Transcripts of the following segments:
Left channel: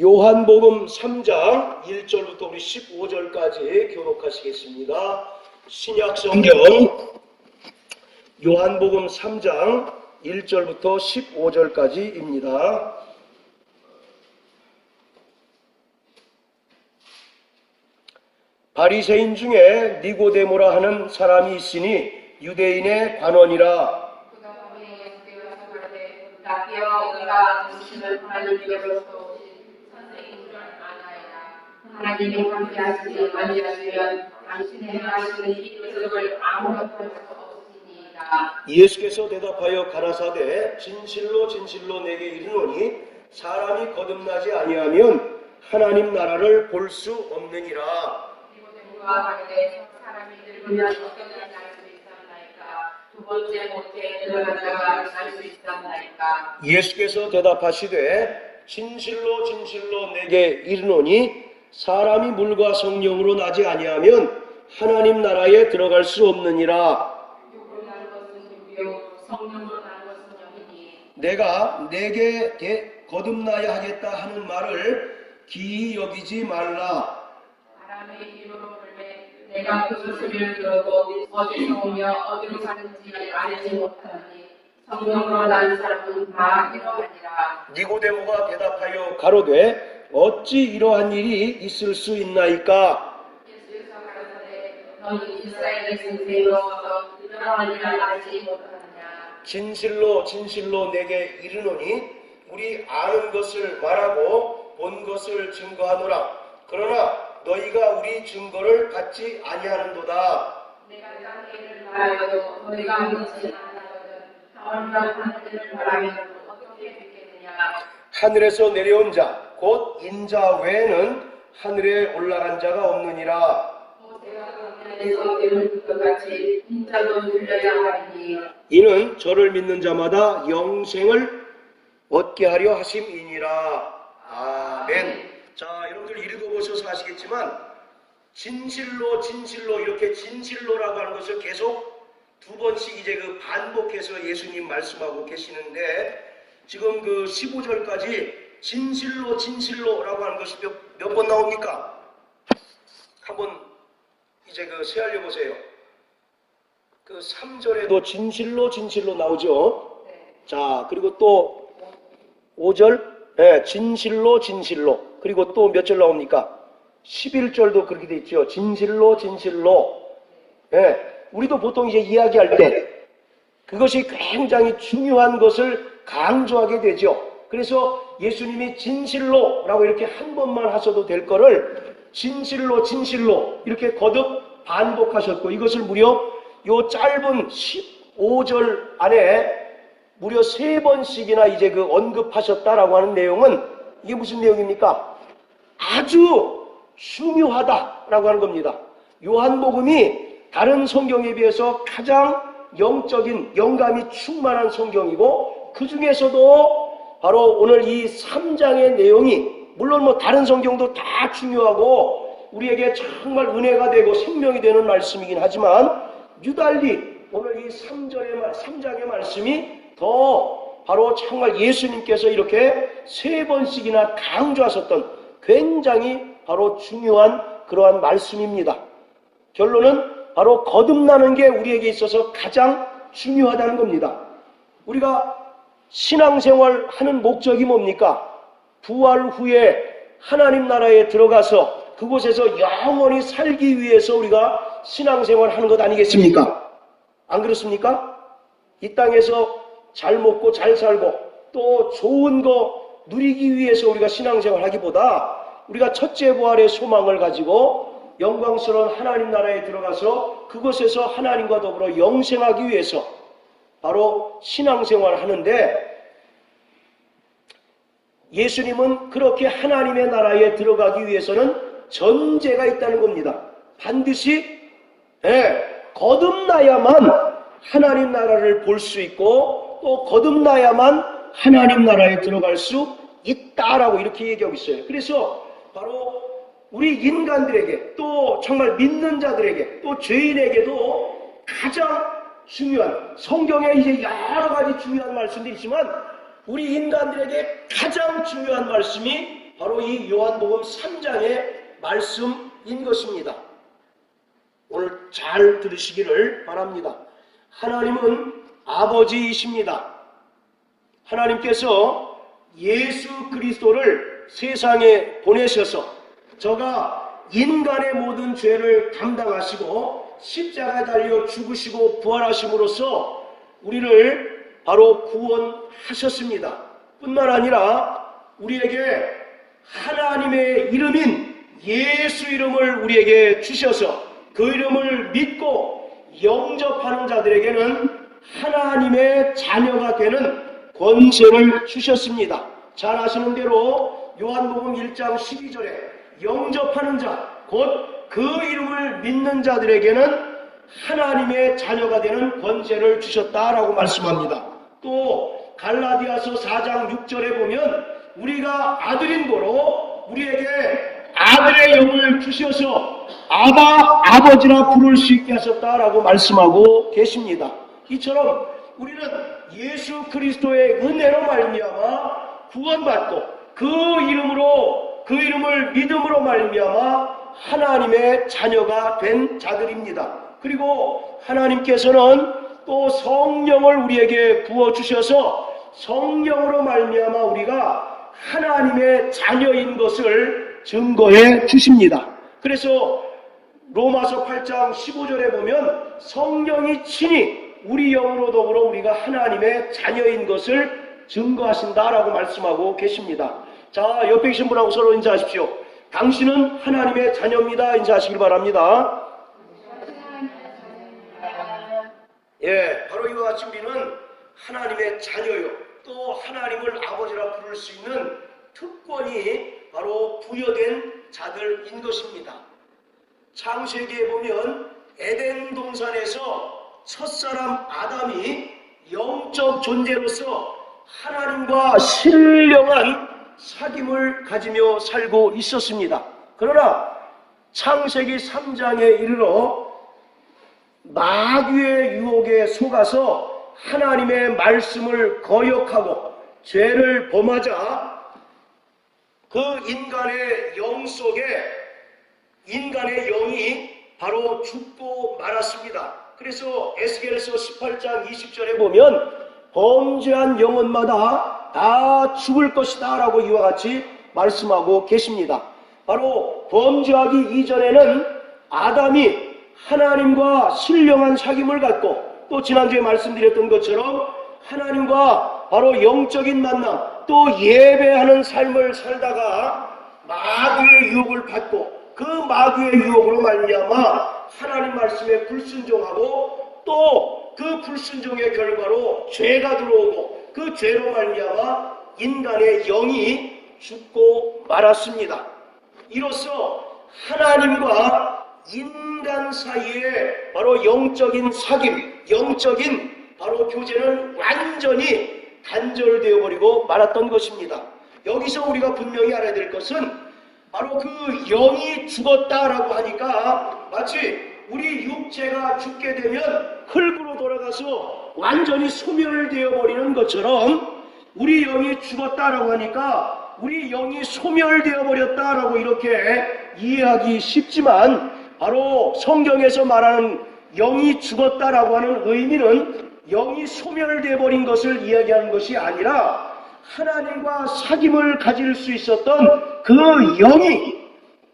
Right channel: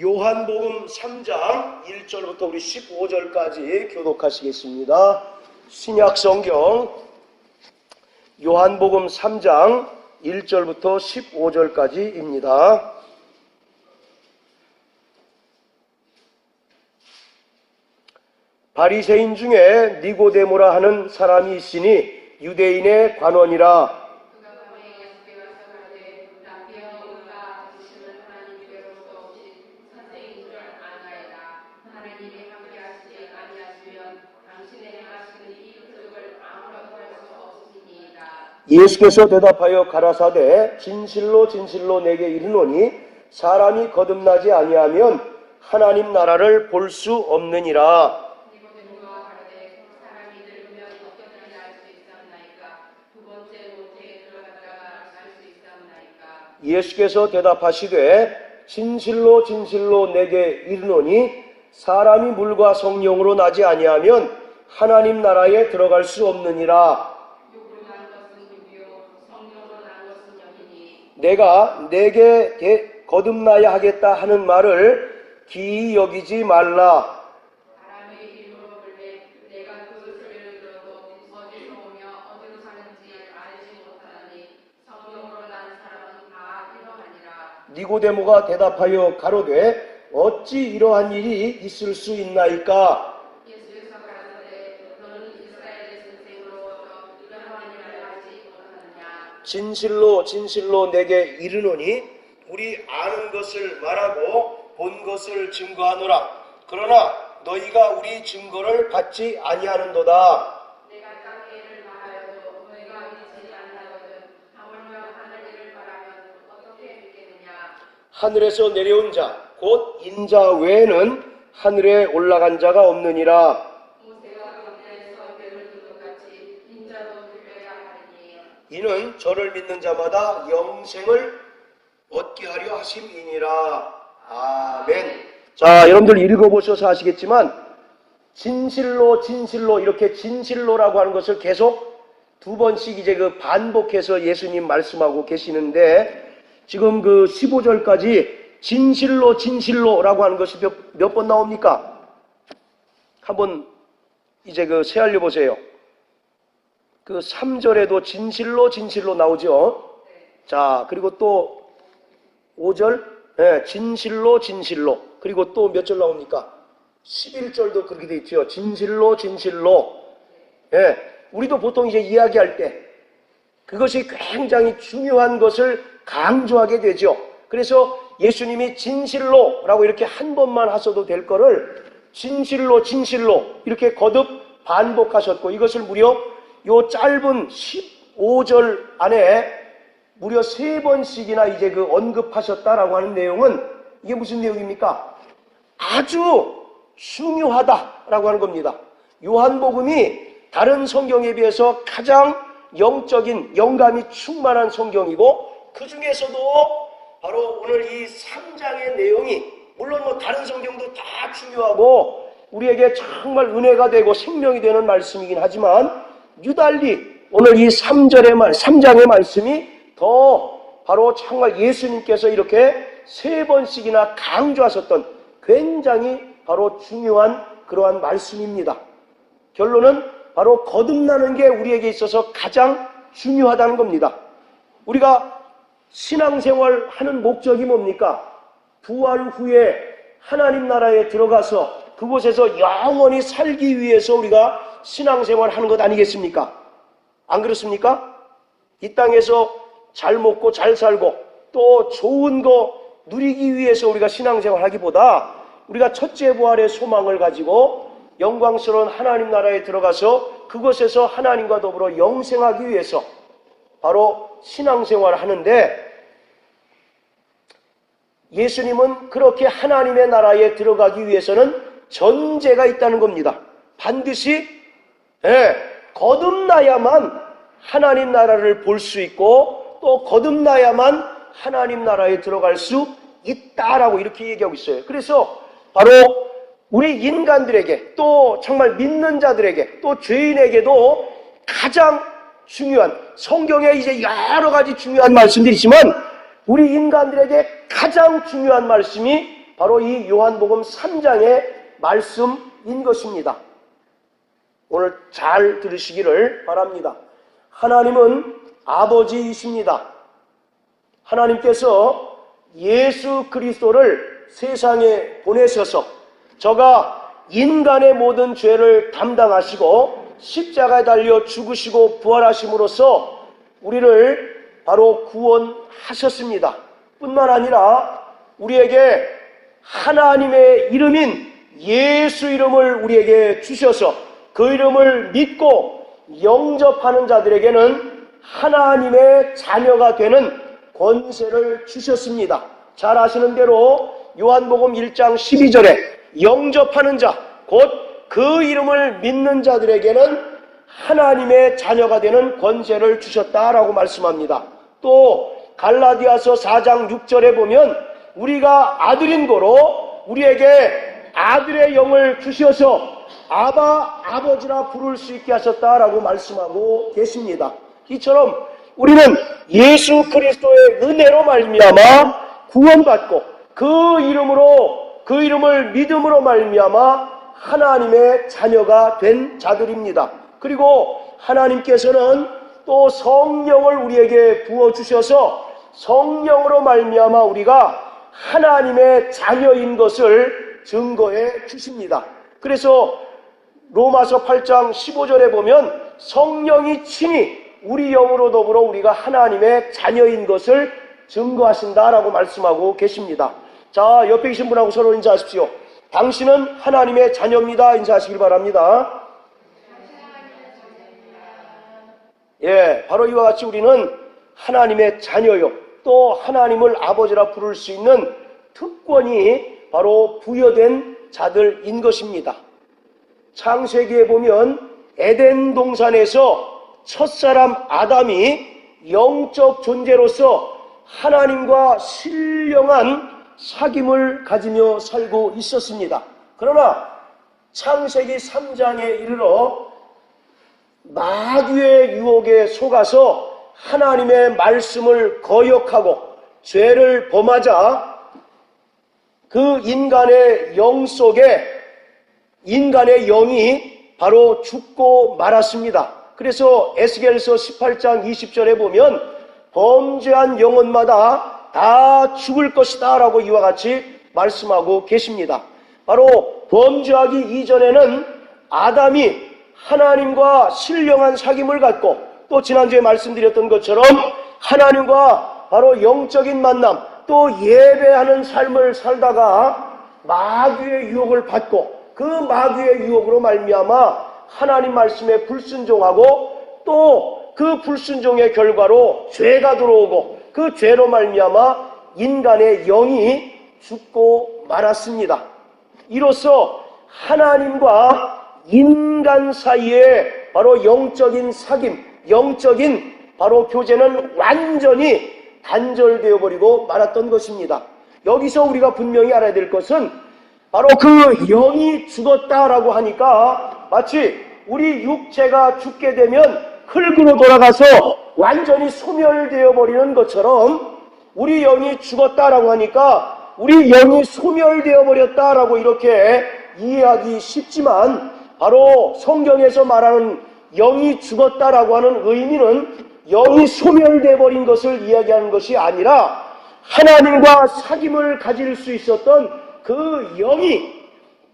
요한복음 3장 1절부터 우리 15절까지 교독하시겠습니다. 신약성경 요한복음 3장 1절부터 15절까지입니다. 바리새인 중에 니고데모라 하는 사람이 있으니 유대인의 관원이라. 하나님이 함께하시지 아니하시면 당신의 행하시는 이 기적을 아무것도 할 수 없으시니이다. 예수께서 대답하여 가라사대 진실로 진실로 내게 이르노니 사람이 거듭나지 아니하면 하나님 나라를 볼 수 없느니라. 니고데모가 가로되 사람이 늙으면 어떻게 할 수 있었나이까? 두 번째 못에 들어갔다가 날 수 있었나이까? 예수께서 대답하시되 진실로 진실로 내게 이르노니 사람이 물과 성령으로 나지 아니하면 하나님 나라에 들어갈 수 없느니라. 내가 내게 거듭나야 하겠다 하는 말을 기이 여기지 말라. 사람의 이름으로 불매 내가 그 소리를 들어도 어디서 오며 어디로 가는지 알지 못하니 성령으로 난 사람은 다 이러하니라. 니고데모가 대답하여 가로되 어찌 이러한 일이 있을 수 있나이까? 예수께서 가라사대 너는 이스라엘의 선생으로서 이러한 일을 알지 못하느냐. 진실로 진실로 내게 이르노니 우리 아는 것을 말하고 본 것을 증거하노라. 그러나 너희가 우리 증거를 받지 아니하는도다. 내가 이런 일을 말하여도 너희가 믿지 않는다거든 하늘과 하늘을 바라면 어떻게 믿겠느냐. 하늘에서 내려온 자 곧 인자 외에는 하늘에 올라간 자가 없느니라. 모세가 광야에서 내놓은 것 같이 인자도 들려야 하리니 이는 저를 믿는 자마다 영생을 얻게 하려 하심이니라. 아멘. 자, 여러분들 읽어보셔서 아시겠지만 진실로 진실로 이렇게 진실로라고 하는 것을 계속 두 번씩 이제 그 반복해서 예수님 말씀하고 계시는데 지금 그 15절까지 진실로 진실로라고 하는 것이 몇 번 나옵니까? 한번 이제 그 세알려 보세요. 그 3절에도 진실로 진실로 나오죠. 자, 그리고 또 5절 진실로 진실로. 그리고 또 몇 절 나옵니까? 11절도 그렇게 돼 있죠. 진실로 진실로. 우리도 보통 이제 이야기할 때 그것이 굉장히 중요한 것을 강조하게 되죠. 그래서 예수님이 진실로라고 이렇게 한 번만 하셔도 될 거를 진실로 진실로 이렇게 거듭 반복하셨고 이것을 무려 요 짧은 15절 안에 무려 3번씩이나 이제 그 언급하셨다라고 하는 내용은 이게 무슨 내용입니까? 아주 중요하다라고 하는 겁니다. 요한복음이 다른 성경에 비해서 가장 영적인 영감이 충만한 성경이고 그 중에서도 바로 오늘 이 3장의 내용이 물론 뭐 다른 성경도 다 중요하고 우리에게 정말 은혜가 되고 생명이 되는 말씀이긴 하지만 유달리 오늘 이 3장의 말씀이 더 바로 정말 예수님께서 이렇게 3번씩이나 강조하셨던 굉장히 바로 중요한 그러한 말씀입니다. 결론은 바로 거듭나는 게 우리에게 있어서 가장 중요하다는 겁니다. 우리가 신앙생활 하는 목적이 뭡니까? 부활 후에 하나님 나라에 들어가서 그곳에서 영원히 살기 위해서 우리가 신앙생활 하는 것 아니겠습니까? 안 그렇습니까? 이 땅에서 잘 먹고 잘 살고 또 좋은 거 누리기 위해서 우리가 신앙생활 하기보다 우리가 첫째 부활의 소망을 가지고 영광스러운 하나님 나라에 들어가서 그곳에서 하나님과 더불어 영생하기 위해서 바로 신앙생활을 하는데 예수님은 그렇게 하나님의 나라에 들어가기 위해서는 전제가 있다는 겁니다. 반드시 거듭나야만 하나님 나라를 볼 수 있고 또 거듭나야만 하나님 나라에 들어갈 수 있다라고 이렇게 얘기하고 있어요. 그래서 바로 우리 인간들에게 또 정말 믿는 자들에게 또 죄인에게도 가장 중요한 성경에 이제 여러 가지 중요한 말씀들이 있지만 우리 인간들에게 가장 중요한 말씀이 바로 이 요한복음 3장의 말씀인 것입니다. 오늘 잘 들으시기를 바랍니다. 하나님은 아버지이십니다. 하나님께서 예수 그리스도를 세상에 보내셔서 저가 인간의 모든 죄를 담당하시고 십자가에 달려 죽으시고 부활하심으로써 우리를 바로 구원하셨습니다. 뿐만 아니라 우리에게 하나님의 이름인 예수 이름을 우리에게 주셔서 그 이름을 믿고 영접하는 자들에게는 하나님의 자녀가 되는 권세를 주셨습니다. 잘 아시는 대로 요한복음 1장 12절에 영접하는 자, 곧 그 이름을 믿는 자들에게는 하나님의 자녀가 되는 권세를 주셨다라고 말씀합니다. 또 갈라디아서 4장 6절에 보면 우리가 아들인 고로 우리에게 아들의 영을 주셔서 아바, 아버지라 부를 수 있게 하셨다라고 말씀하고 계십니다. 이처럼 우리는 예수 그리스도의 은혜로 말미암아 구원받고 그 이름을 믿음으로 말미암아 하나님의 자녀가 된 자들입니다. 그리고 하나님께서는 또 성령을 우리에게 부어주셔서 성령으로 말미암아 우리가 하나님의 자녀인 것을 증거해 주십니다. 그래서 로마서 8장 15절에 보면 성령이 친히 우리 영으로 더불어 우리가 하나님의 자녀인 것을 증거하신다라고 말씀하고 계십니다. 자, 옆에 계신 분하고 서로 인사하십시오. 당신은 하나님의 자녀입니다. 인사하시길 바랍니다. 예, 바로 이와 같이 우리는 하나님의 자녀요. 또 하나님을 아버지라 부를 수 있는 특권이 바로 부여된 자들인 것입니다. 창세기에 보면 에덴 동산에서 첫사람 아담이 영적 존재로서 하나님과 신령한 사귐을 가지며 살고 있었습니다. 그러나 창세기 3장에 이르러 마귀의 유혹에 속아서 하나님의 말씀을 거역하고 죄를 범하자 그 인간의 영 속에 인간의 영이 바로 죽고 말았습니다. 그래서 에스겔서 18장 20절에 보면 범죄한 영혼마다 다 죽을 것이다 라고 이와 같이 말씀하고 계십니다. 바로 범죄하기 이전에는 아담이 하나님과 신령한 사귐을 갖고 또 지난주에 말씀드렸던 것처럼 하나님과 바로 영적인 만남 또 예배하는 삶을 살다가 마귀의 유혹을 받고 그 마귀의 유혹으로 말미암아 하나님 말씀에 불순종하고 또 그 불순종의 결과로 죄가 들어오고 그 죄로 말미암아 인간의 영이 죽고 말았습니다. 이로써 하나님과 인간 사이에 바로 영적인 사귐, 영적인 바로 교제는 완전히 단절되어 버리고 말았던 것입니다. 여기서 우리가 분명히 알아야 될 것은 바로 그 영이 죽었다라고 하니까 마치 우리 육체가 죽게 되면 흙으로 돌아가서 완전히 소멸되어 버리는 것처럼 우리 영이 죽었다라고 하니까 우리 영이 소멸되어 버렸다라고 이렇게 이해하기 쉽지만 바로 성경에서 말하는 영이 죽었다라고 하는 의미는 영이 소멸되어 버린 것을 이야기하는 것이 아니라 하나님과 사귐을 가질 수 있었던 그 영이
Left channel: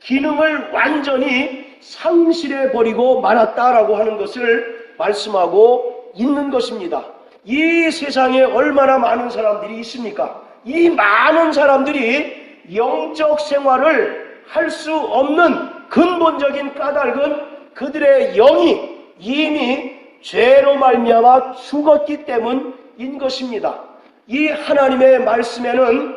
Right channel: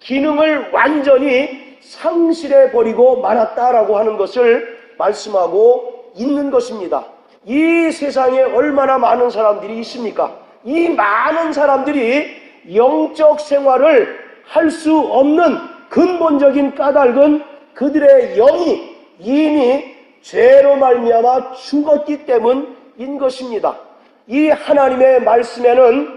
기능을 완전히 상실해 버리고 말았다라고 하는 것을 말씀하고 있는 것입니다. 이 세상에 얼마나 많은 사람들이 있습니까? 이 많은 사람들이 영적 생활을 할 수 없는 근본적인 까닭은 그들의 영이 이미 죄로 말미암아 죽었기 때문인 것입니다. 이 하나님의 말씀에는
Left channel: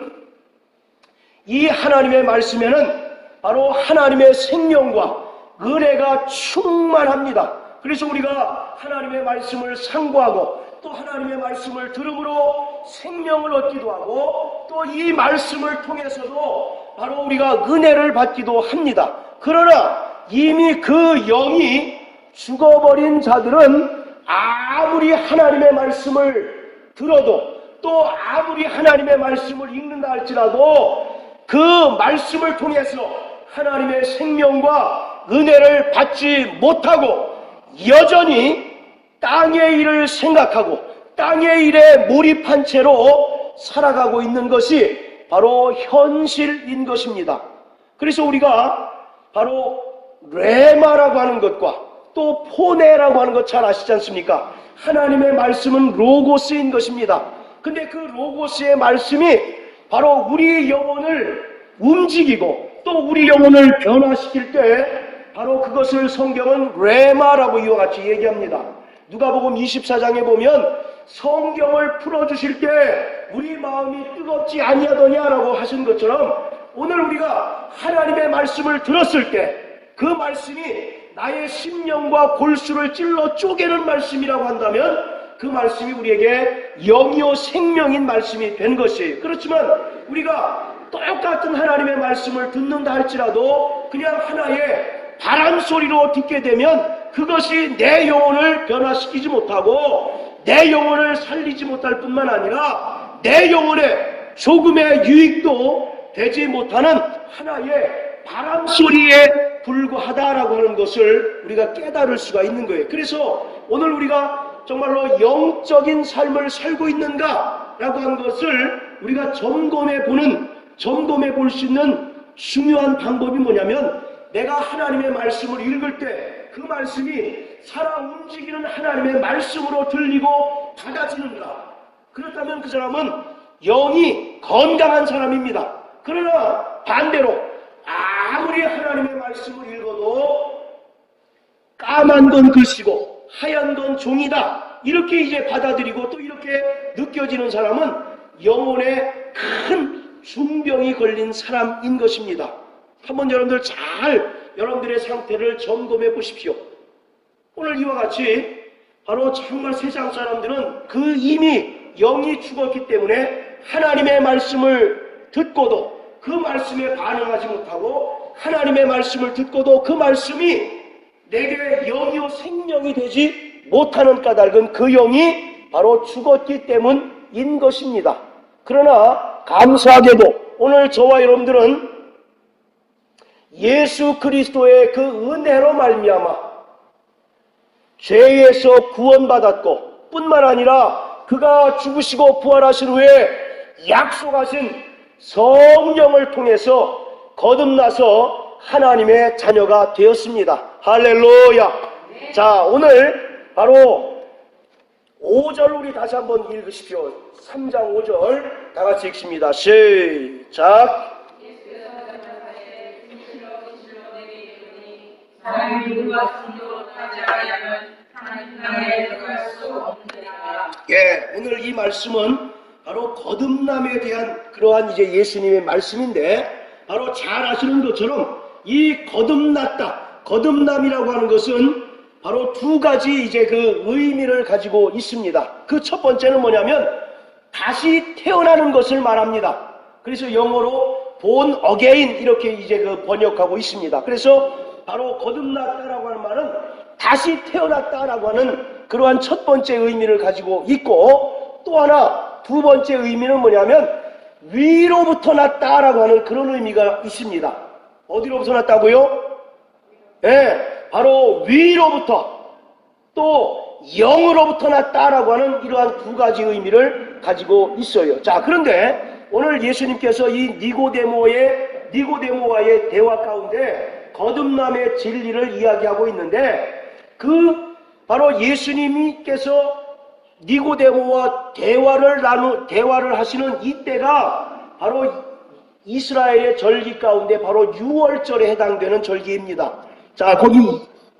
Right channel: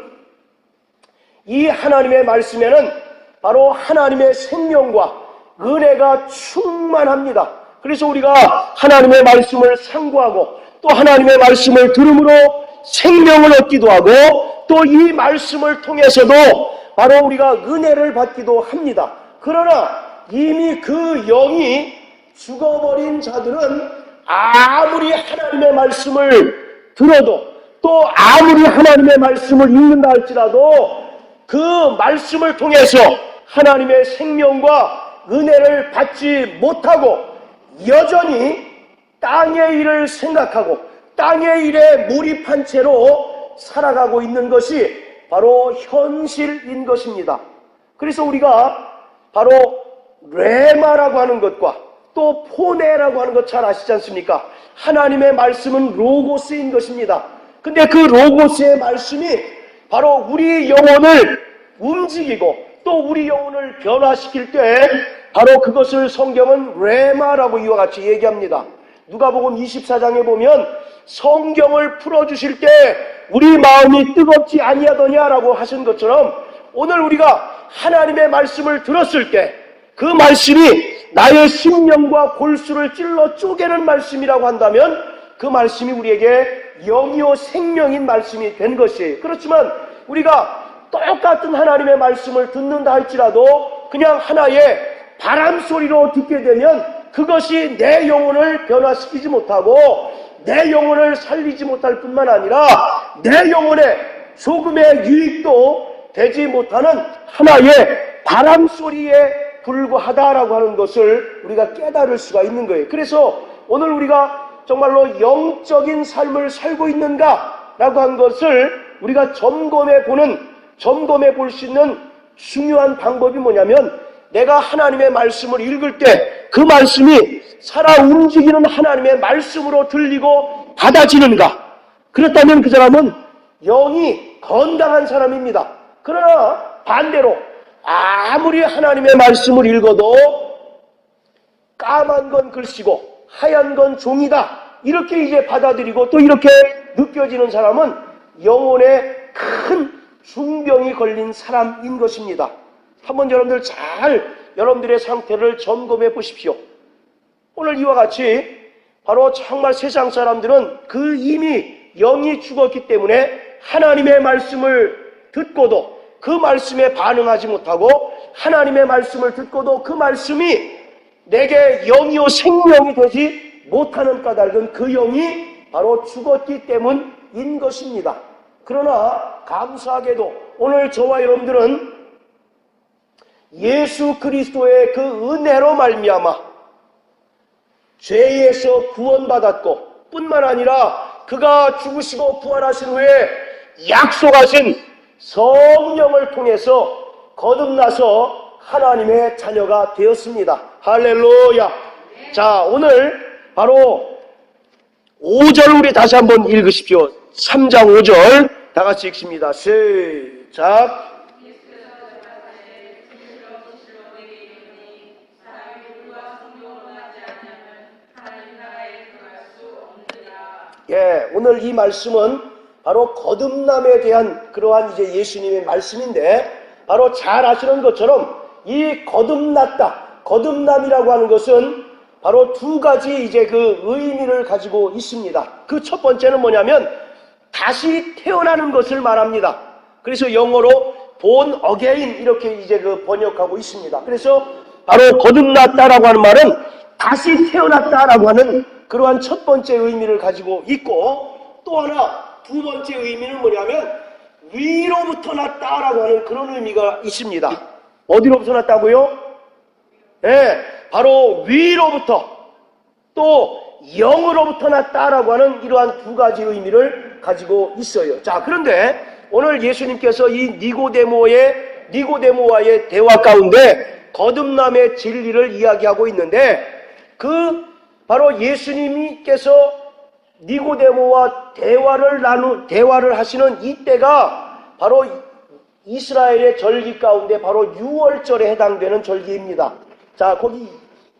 바로 하나님의 생명과 은혜가 충만합니다. 그래서 우리가 하나님의 말씀을 상고하고 또 하나님의 말씀을 들음으로 생명을 얻기도 하고 또 이 말씀을 통해서도 바로 우리가 은혜를 받기도 합니다. 그러나 이미 그 영이 죽어버린 자들은 아무리 하나님의 말씀을 들어도 또 아무리 하나님의 말씀을 읽는다 할지라도 그 말씀을 통해서 하나님의 생명과 은혜를 받지 못하고 여전히 땅의 일을 생각하고 땅의 일에 몰입한 채로 살아가고 있는 것이 바로 현실인 것입니다. 그래서 우리가 바로 레마라고 하는 것과 또 포네라고 하는 것 잘 아시지 않습니까? 하나님의 말씀은 로고스인 것입니다. 근데 그 로고스의 말씀이 바로 우리 영혼을 움직이고 또 우리 영혼을 변화시킬 때 바로 그것을 성경은 레마라고 이와 같이 얘기합니다. 누가복음 24장에 보면 성경을 풀어주실 때 우리 마음이 뜨겁지 아니하더냐라고 하신 것처럼 오늘 우리가 하나님의 말씀을 들었을 때 그 말씀이 나의 심령과 골수를 찔러 쪼개는 말씀이라고 한다면 그 말씀이 우리에게 영이요 생명인 말씀이 된 것이에요. 그렇지만 우리가 똑같은 하나님의 말씀을 듣는다 할지라도 그냥 하나의 바람 소리로 듣게 되면 그것이 내 영혼을 변화시키지 못하고 내 영혼을 살리지 못할 뿐만 아니라 내 영혼에 조금의 유익도 되지 못하는 하나의 바람 소리에 불과하다라고 하는 것을 우리가 깨달을 수가 있는 거예요. 그래서 오늘 우리가 정말로 영적인 삶을 살고 있는가라고 한 것을 우리가 점검해 볼 수 있는 중요한 방법이 뭐냐면 내가 하나님의 말씀을 읽을 때 그 말씀이 살아 움직이는 하나님의 말씀으로 들리고 받아지는가? 그렇다면 그 사람은 영이 건강한 사람입니다. 그러나 반대로 아무리 하나님의 말씀을 읽어도 까만 건 글씨고 하얀 건 종이다 이렇게 이제 받아들이고 또 이렇게 느껴지는 사람은 영혼에 큰 중병이 걸린 사람인 것입니다. 한번 여러분들 여러분들의 상태를 점검해 보십시오. 오늘 이와 같이 바로 정말 세상 사람들은 그 이미 영이 죽었기 때문에 하나님의 말씀을 듣고도 그 말씀에 반응하지 못하고 하나님의 말씀을 듣고도 그 말씀이 내게 영이요 생명이 되지 못하는 까닭은 그 영이 바로 죽었기 때문인 것입니다. 그러나 감사하게도 오늘 저와 여러분들은 예수 그리스도의 그 은혜로 말미암아 죄에서 구원받았고 뿐만 아니라 그가 죽으시고 부활하신 후에 약속하신 성령을 통해서 거듭나서 하나님의 자녀가 되었습니다. 할렐루야. 자, 오늘 바로 5절 우리 다시 한번 읽으십시오. 3장 5절 다 같이 읽습니다. 시작. 예, 오늘 이 말씀은 바로 거듭남에 대한 그러한 이제 예수님의 말씀인데 바로 잘 아시는 것처럼 이 거듭남이라고 하는 것은 바로 두 가지 이제 그 의미를 가지고 있습니다. 그 첫 번째는 뭐냐면 다시 태어나는 것을 말합니다. 그래서 영어로 born again 이렇게 이제 그 번역하고 있습니다. 그래서 바로 거듭났다라고 하는 말은 다시 태어났다라고 하는 그러한 첫 번째 의미를 가지고 있고 또 하나 두 번째 의미는 뭐냐면 위로부터 났다라고 하는 그런 의미가 있습니다. 어디로부터 났다고요? 네, 바로 위로부터 또 영으로부터 났다라고 하는 이러한 두 가지 의미를 가지고 있어요. 자, 그런데 오늘 예수님께서 이 니고데모와의 대화 가운데 거듭남의 진리를 이야기하고 있는데 그 바로 예수님께서 니고데모와 대화를 하시는 이때가 바로 이스라엘의 절기 가운데 바로 유월절에 해당되는 절기입니다. 자, 거기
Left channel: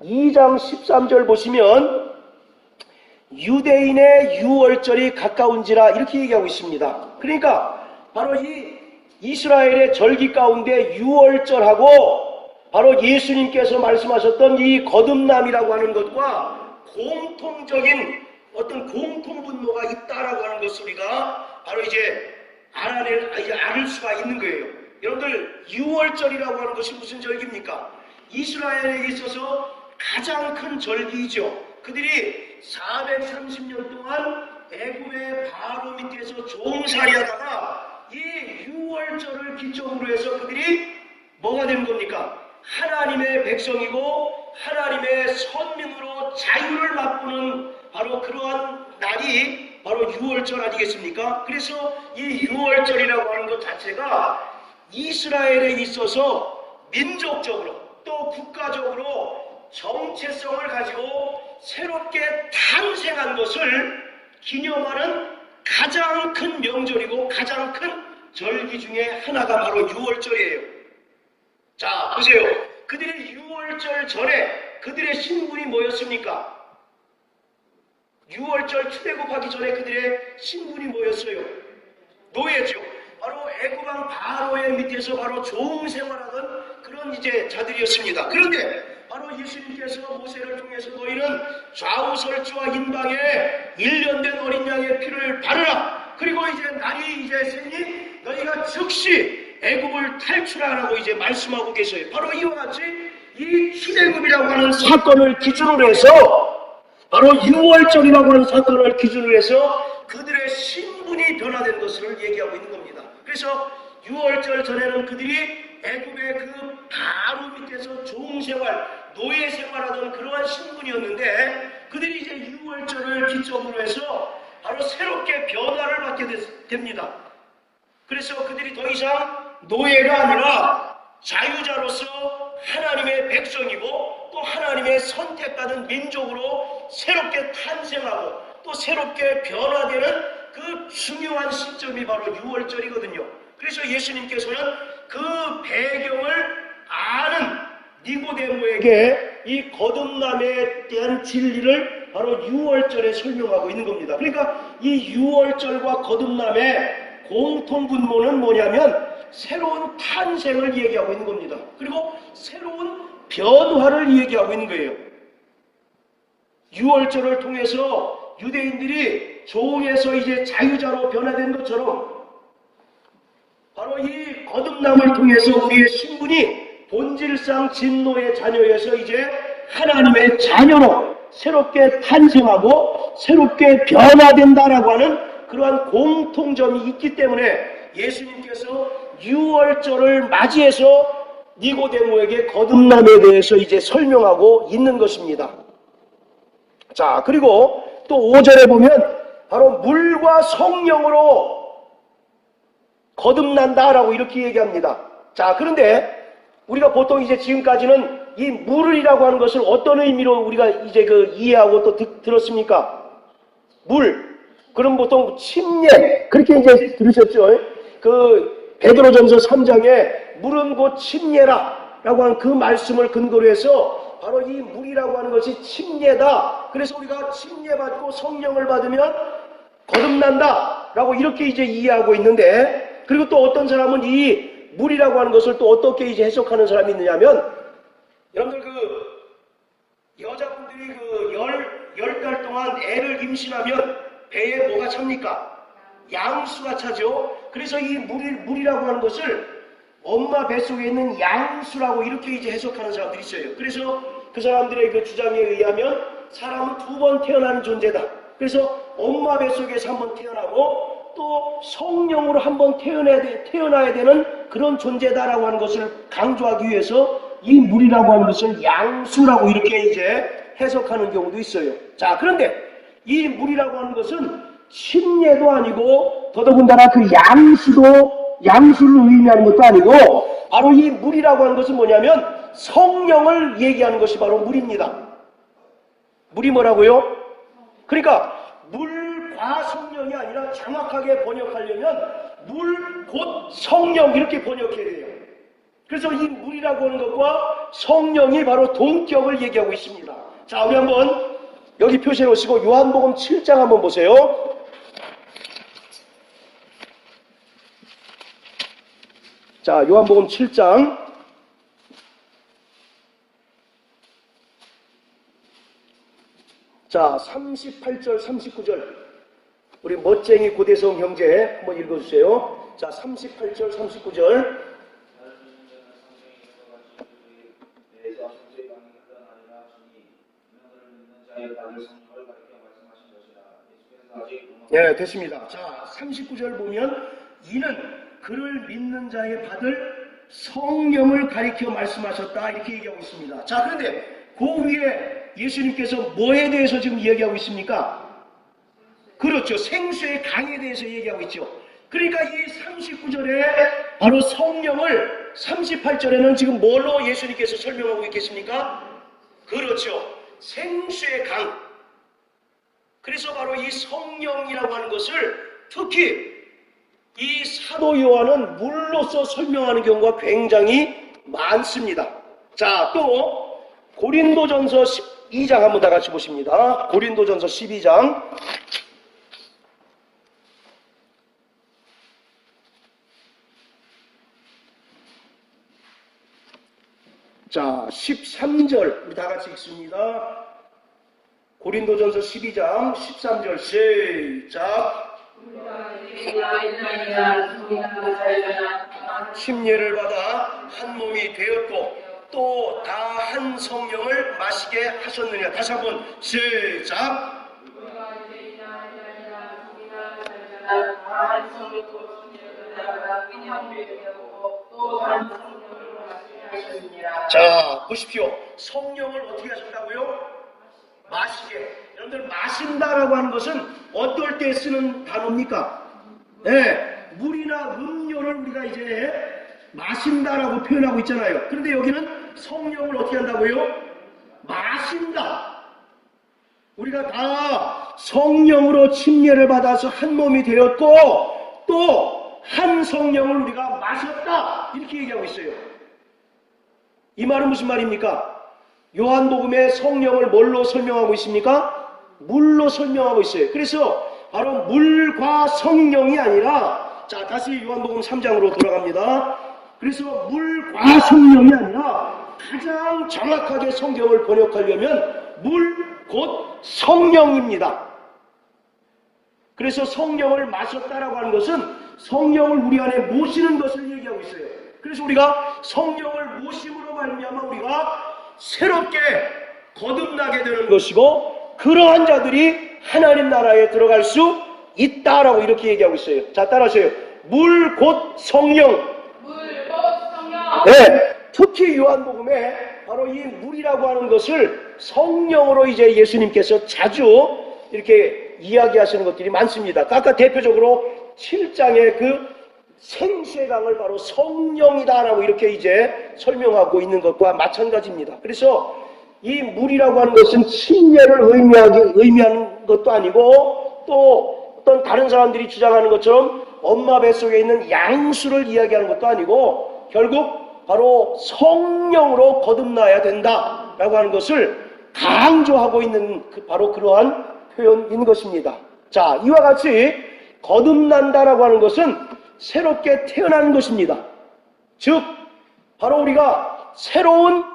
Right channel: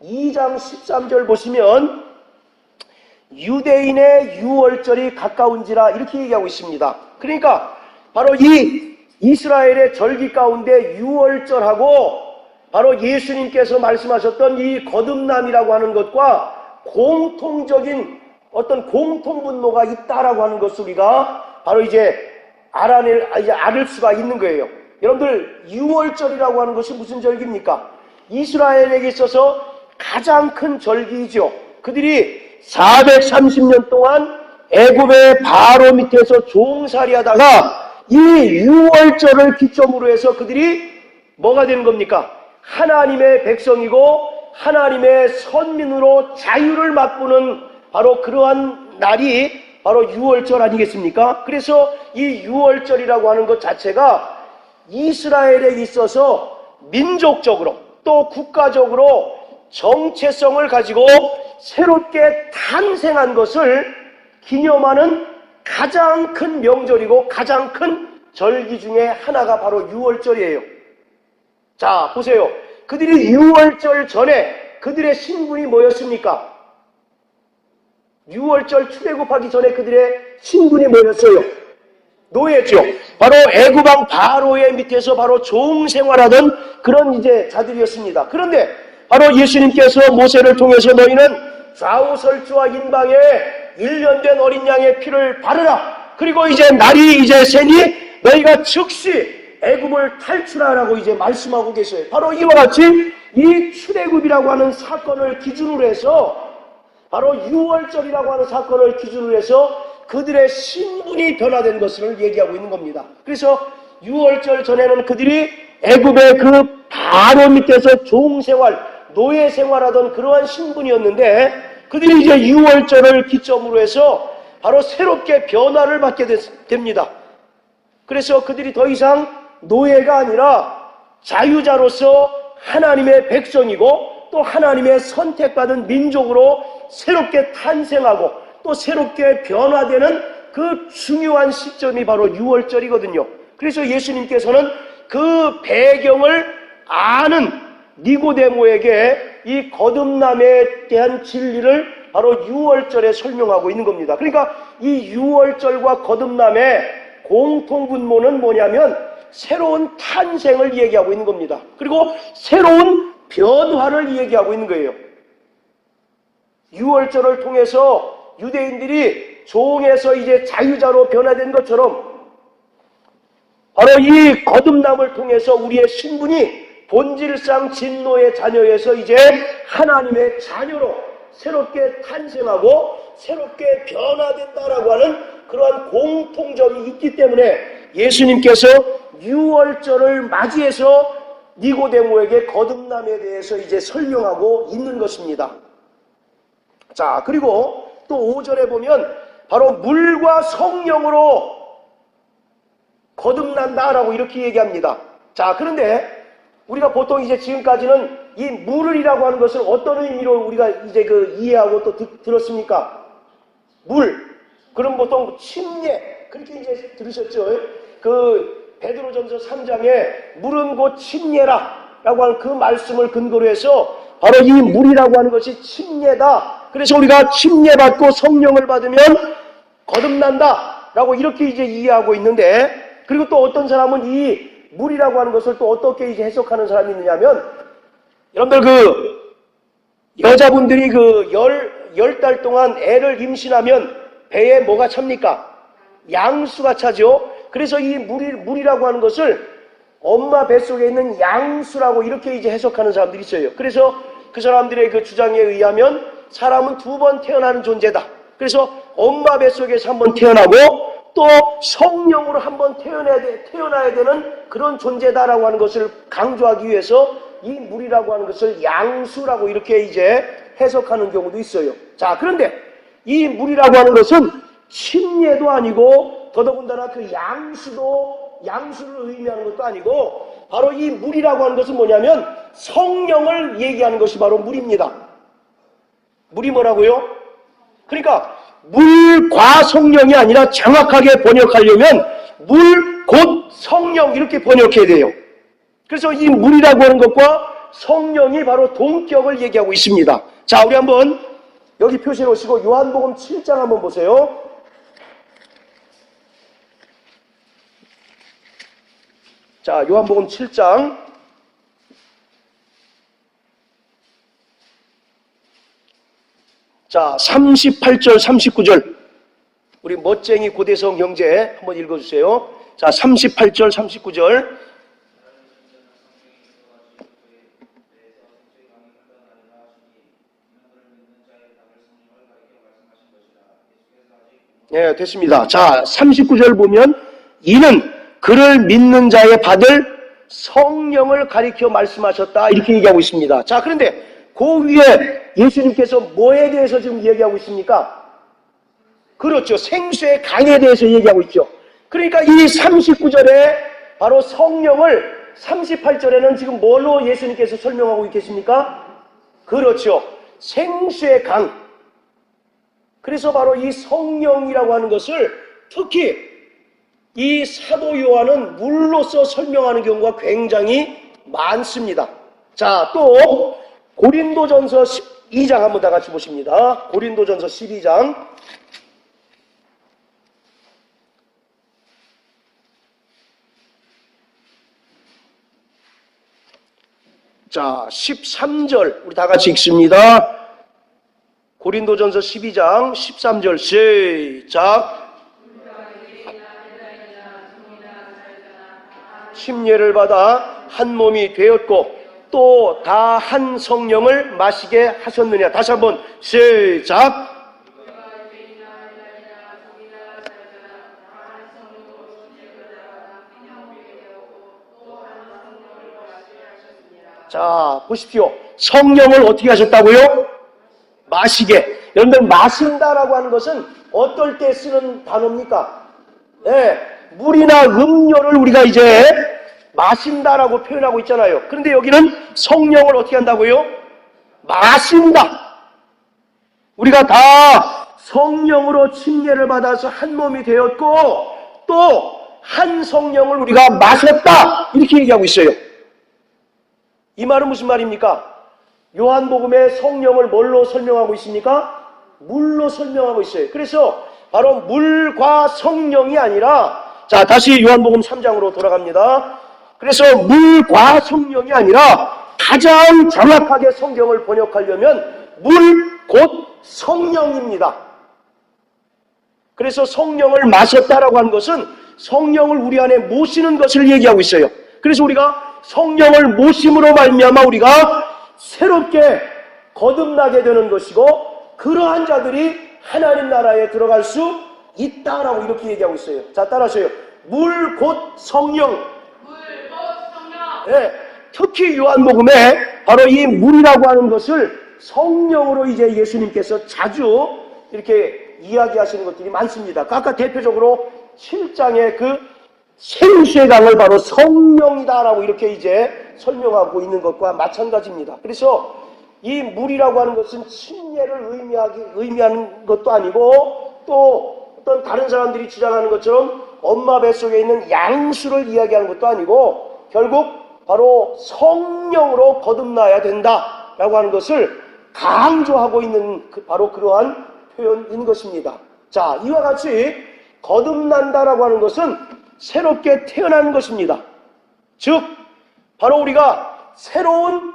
2장 13절 보시면 유대인의 유월절이 가까운지라 이렇게 얘기하고 있습니다. 그러니까 바로 이 이스라엘의 절기 가운데 유월절하고 바로 예수님께서 말씀하셨던 이 거듭남이라고 하는 것과 공통적인 어떤 공통분모가 있다라고 하는 것을 우리가 바로 이제 알을 수가 있는 거예요. 여러분들 유월절이라고 하는 것이 무슨 절기입니까? 이스라엘에게 있어서 가장 큰 절기이죠. 그들이 430년 동안 애굽의 바로 밑에서 종살이하다가 이 6월절을 기점으로 해서 그들이 뭐가 되는 겁니까? 하나님의 백성이고 하나님의 선민으로 자유를 맛보는 바로 그러한 날이 바로 6월절 아니겠습니까? 그래서 이 6월절이라고 하는 것 자체가 이스라엘에 있어서 민족적으로 또 국가적으로 정체성을 가지고 새롭게 탄생한 것을 기념하는 가장 큰 명절이고 가장 큰 절기 중에 하나가 바로 6월절이에요. 자, 보세요. 그들이 6월절 전에 그들의 신분이 뭐였습니까? 6월절 출애굽하기 전에 그들의 신분이 뭐였어요? 노예죠. 바로 애굽왕 바로의 밑에서 바로 종생활하던 그런 이제 자들이었습니다. 그런데 바로 예수님께서 모세를 통해서 너희는 좌우설주와 인방에 1년 된 어린 양의 피를 바르라. 그리고 이제 날이 이제 새니 너희가 즉시 애굽을 탈출하라고 이제 말씀하고 계세요. 바로 이와 같이 이 출애굽이라고 하는 사건을 기준으로 해서 바로 6월절이라고 하는 사건을 기준으로 해서 그들의 신분이 변화된 것을 얘기하고 있는 겁니다. 그래서 6월절 전에는 그들이 애굽의 그 바로 밑에서 종생활, 노예 생활하던 그러한 신분이었는데 그들이 이제 6월절을 기점으로 해서 바로 새롭게 변화를 받게 됩니다. 그래서 그들이 더 이상 노예가 아니라 자유자로서 하나님의 백성이고 또 하나님의 선택받은 민족으로 새롭게 탄생하고 또 새롭게 변화되는 그 중요한 시점이 바로 6월절이거든요. 그래서 예수님께서는 그 배경을 아는 니고데모에게 이 거듭남에 대한 진리를 바로 6월절에 설명하고 있는 겁니다. 그러니까 이 6월절과 거듭남의 공통분모는 뭐냐면 새로운 탄생을 얘기하고 있는 겁니다. 그리고 새로운 변화를 얘기하고 있는 거예요. 6월절을 통해서 유대인들이 종에서 이제 자유자로 변화된 것처럼 바로 이 거듭남을 통해서 우리의 신분이 본질상 진노의 자녀에서 이제 하나님의 자녀로 새롭게 탄생하고 새롭게 변화된다라고 하는 그러한 공통점이 있기 때문에 예수님께서 6월절을 맞이해서 니고데모에게 거듭남에 대해서 이제 설명하고 있는 것입니다. 자, 그리고 또 5절에 보면 바로 물과 성령으로 거듭난다라고 이렇게 얘기합니다. 자, 그런데 우리가 보통 이제 지금까지는 이 물이라고 하는 것을 어떤 의미로 우리가 이제 이해하고 또 들었습니까? 물. 그럼 보통 침례. 그렇게 이제 들으셨죠? 베드로전서 3장에 물은 곧 침례라 라고 하는 그 말씀을 근거로 해서 바로 이 물이라고 하는 것이 침례다. 그래서 우리가 침례받고 성령을 받으면 거듭난다 라고 이렇게 이제 이해하고 있는데, 그리고 또 어떤 사람은 이 물이라고 하는 것을 또 어떻게 이제 해석하는 사람이 있느냐면, 여러분들 여자분들이 10달 동안 애를 임신하면 배에 뭐가 찹니까? 양수가 차죠. 그래서 이 물이라고 하는 것을 엄마 뱃속에 있는 양수라고 이렇게 이제 해석하는 사람들이 있어요. 그래서 그 사람들의 그 주장에 의하면 사람은 2번 태어나는 존재다. 그래서 엄마 뱃속에서 한번 태어나고 또 성령으로 한번 태어나야 되는 그런 존재다라고 하는 것을 강조하기 위해서 이 물이라고 하는 것을 양수라고 이렇게 이제 해석하는 경우도 있어요. 자, 그런데 이 물이라고 하는 것은 침례도 아니고 더더군다나 그 양수를 의미하는 것도 아니고 바로 이 물이라고 하는 것은 뭐냐면 성령을 얘기하는 것이 바로 물입니다. 물이 뭐라고요? 그러니까 물과 성령이 아니라 정확하게 번역하려면 물 곧 성령 이렇게 번역해야 돼요. 그래서 이 물이라고 하는 것과 성령이 바로 동격을 얘기하고 있습니다. 자, 우리 한번 여기 표시해 놓으시고 요한복음 7장 한번 보세요. 자, 요한복음 7장 자, 38절 39절 우리 멋쟁이 고대성 형제 한번 읽어주세요. 자, 38절 39절 네, 됐습니다. 자, 39절 보면 이는 그를 믿는 자에 받을 성령을 가리켜 말씀하셨다. 이렇게 얘기하고 있습니다. 자, 그런데 그 위에 예수님께서 뭐에 대해서 지금 이야기하고 있습니까? 그렇죠. 생수의 강에 대해서 얘기하고 있죠. 그러니까 이 39절에 바로 성령을 38절에는 지금 뭘로 예수님께서 설명하고 있겠습니까? 그렇죠. 생수의 강. 그래서 바로 이 성령이라고 하는 것을 특히 이 사도 요한은 물로서 설명하는 경우가 굉장히 많습니다. 자, 또 고린도전서 2장 한번 다 같이 보십니다. 고린도전서 12장. 자, 13절 우리 다 같이 읽습니다. 고린도전서 12장 13절 시작. 침례를 받아 한 몸이 되었고 또 다 한 성령을 마시게 하셨느냐. 다시 한번 시작. 자, 보십시오. 성령을 어떻게 하셨다고요? 마시게. 여러분들, 마신다라고 하는 것은 어떨 때 쓰는 단어입니까? 네, 물이나 음료를 우리가 이제 마신다라고 표현하고 있잖아요. 그런데 여기는 성령을 어떻게 한다고요? 마신다. 우리가 다 성령으로 침례를 받아서 한 몸이 되었고 또 한 성령을 우리가 마셨다. 이렇게 얘기하고 있어요. 이 말은 무슨 말입니까? 요한복음의 성령을 뭘로 설명하고 있습니까? 물로 설명하고 있어요. 그래서 바로 물과 성령이 아니라, 자, 다시 요한복음 3장으로 돌아갑니다. 그래서 물과 성령이 아니라 가장 정확하게 성경을 번역하려면 물 곧 성령입니다. 그래서 성령을 마셨다라고 하는 것은 성령을 우리 안에 모시는 것을 얘기하고 있어요. 그래서 우리가 성령을 모심으로 말미암아 우리가 새롭게 거듭나게 되는 것이고 그러한 자들이 하나님 나라에 들어갈 수 있다라고 이렇게 얘기하고 있어요. 자, 따라하세요. 물 곧 성령. 물 곧 성령. 네, 특히 요한복음에 바로 이 물이라고 하는 것을 성령으로 이제 예수님께서 자주 이렇게 이야기하시는 것들이 많습니다. 아까 대표적으로 7장의 그 생수의 강을 바로 성령이다라고 이렇게 이제 설명하고 있는 것과 마찬가지입니다. 그래서 이 물이라고 하는 것은 침례를 의미하는 것도 아니고 또 어떤 다른 사람들이 주장하는 것처럼 엄마 뱃속에 있는 양수를 이야기하는 것도 아니고 결국 바로 성령으로 거듭나야 된다라고 하는 것을 강조하고 있는 바로 그러한 표현인 것입니다. 자, 이와 같이 거듭난다라고 하는 것은 새롭게 태어나는 것입니다. 즉 바로 우리가 새로운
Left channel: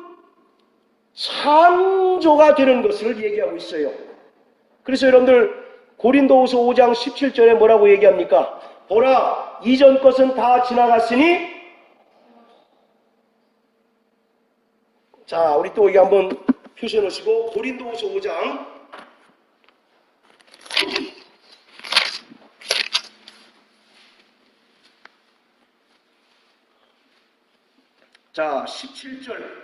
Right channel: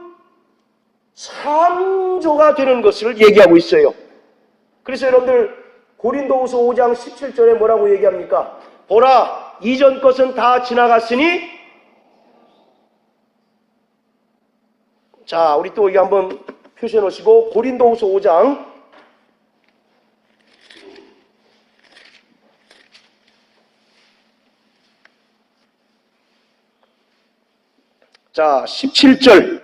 창조가 되는 것을 얘기하고 있어요. 그래서 여러분들 고린도후서 5장 17절에 뭐라고 얘기합니까? 보라, 이전 것은 다 지나갔으니. 자, 우리 또 여기 한번 표시해 놓으시고 고린도후서 5장 자 17절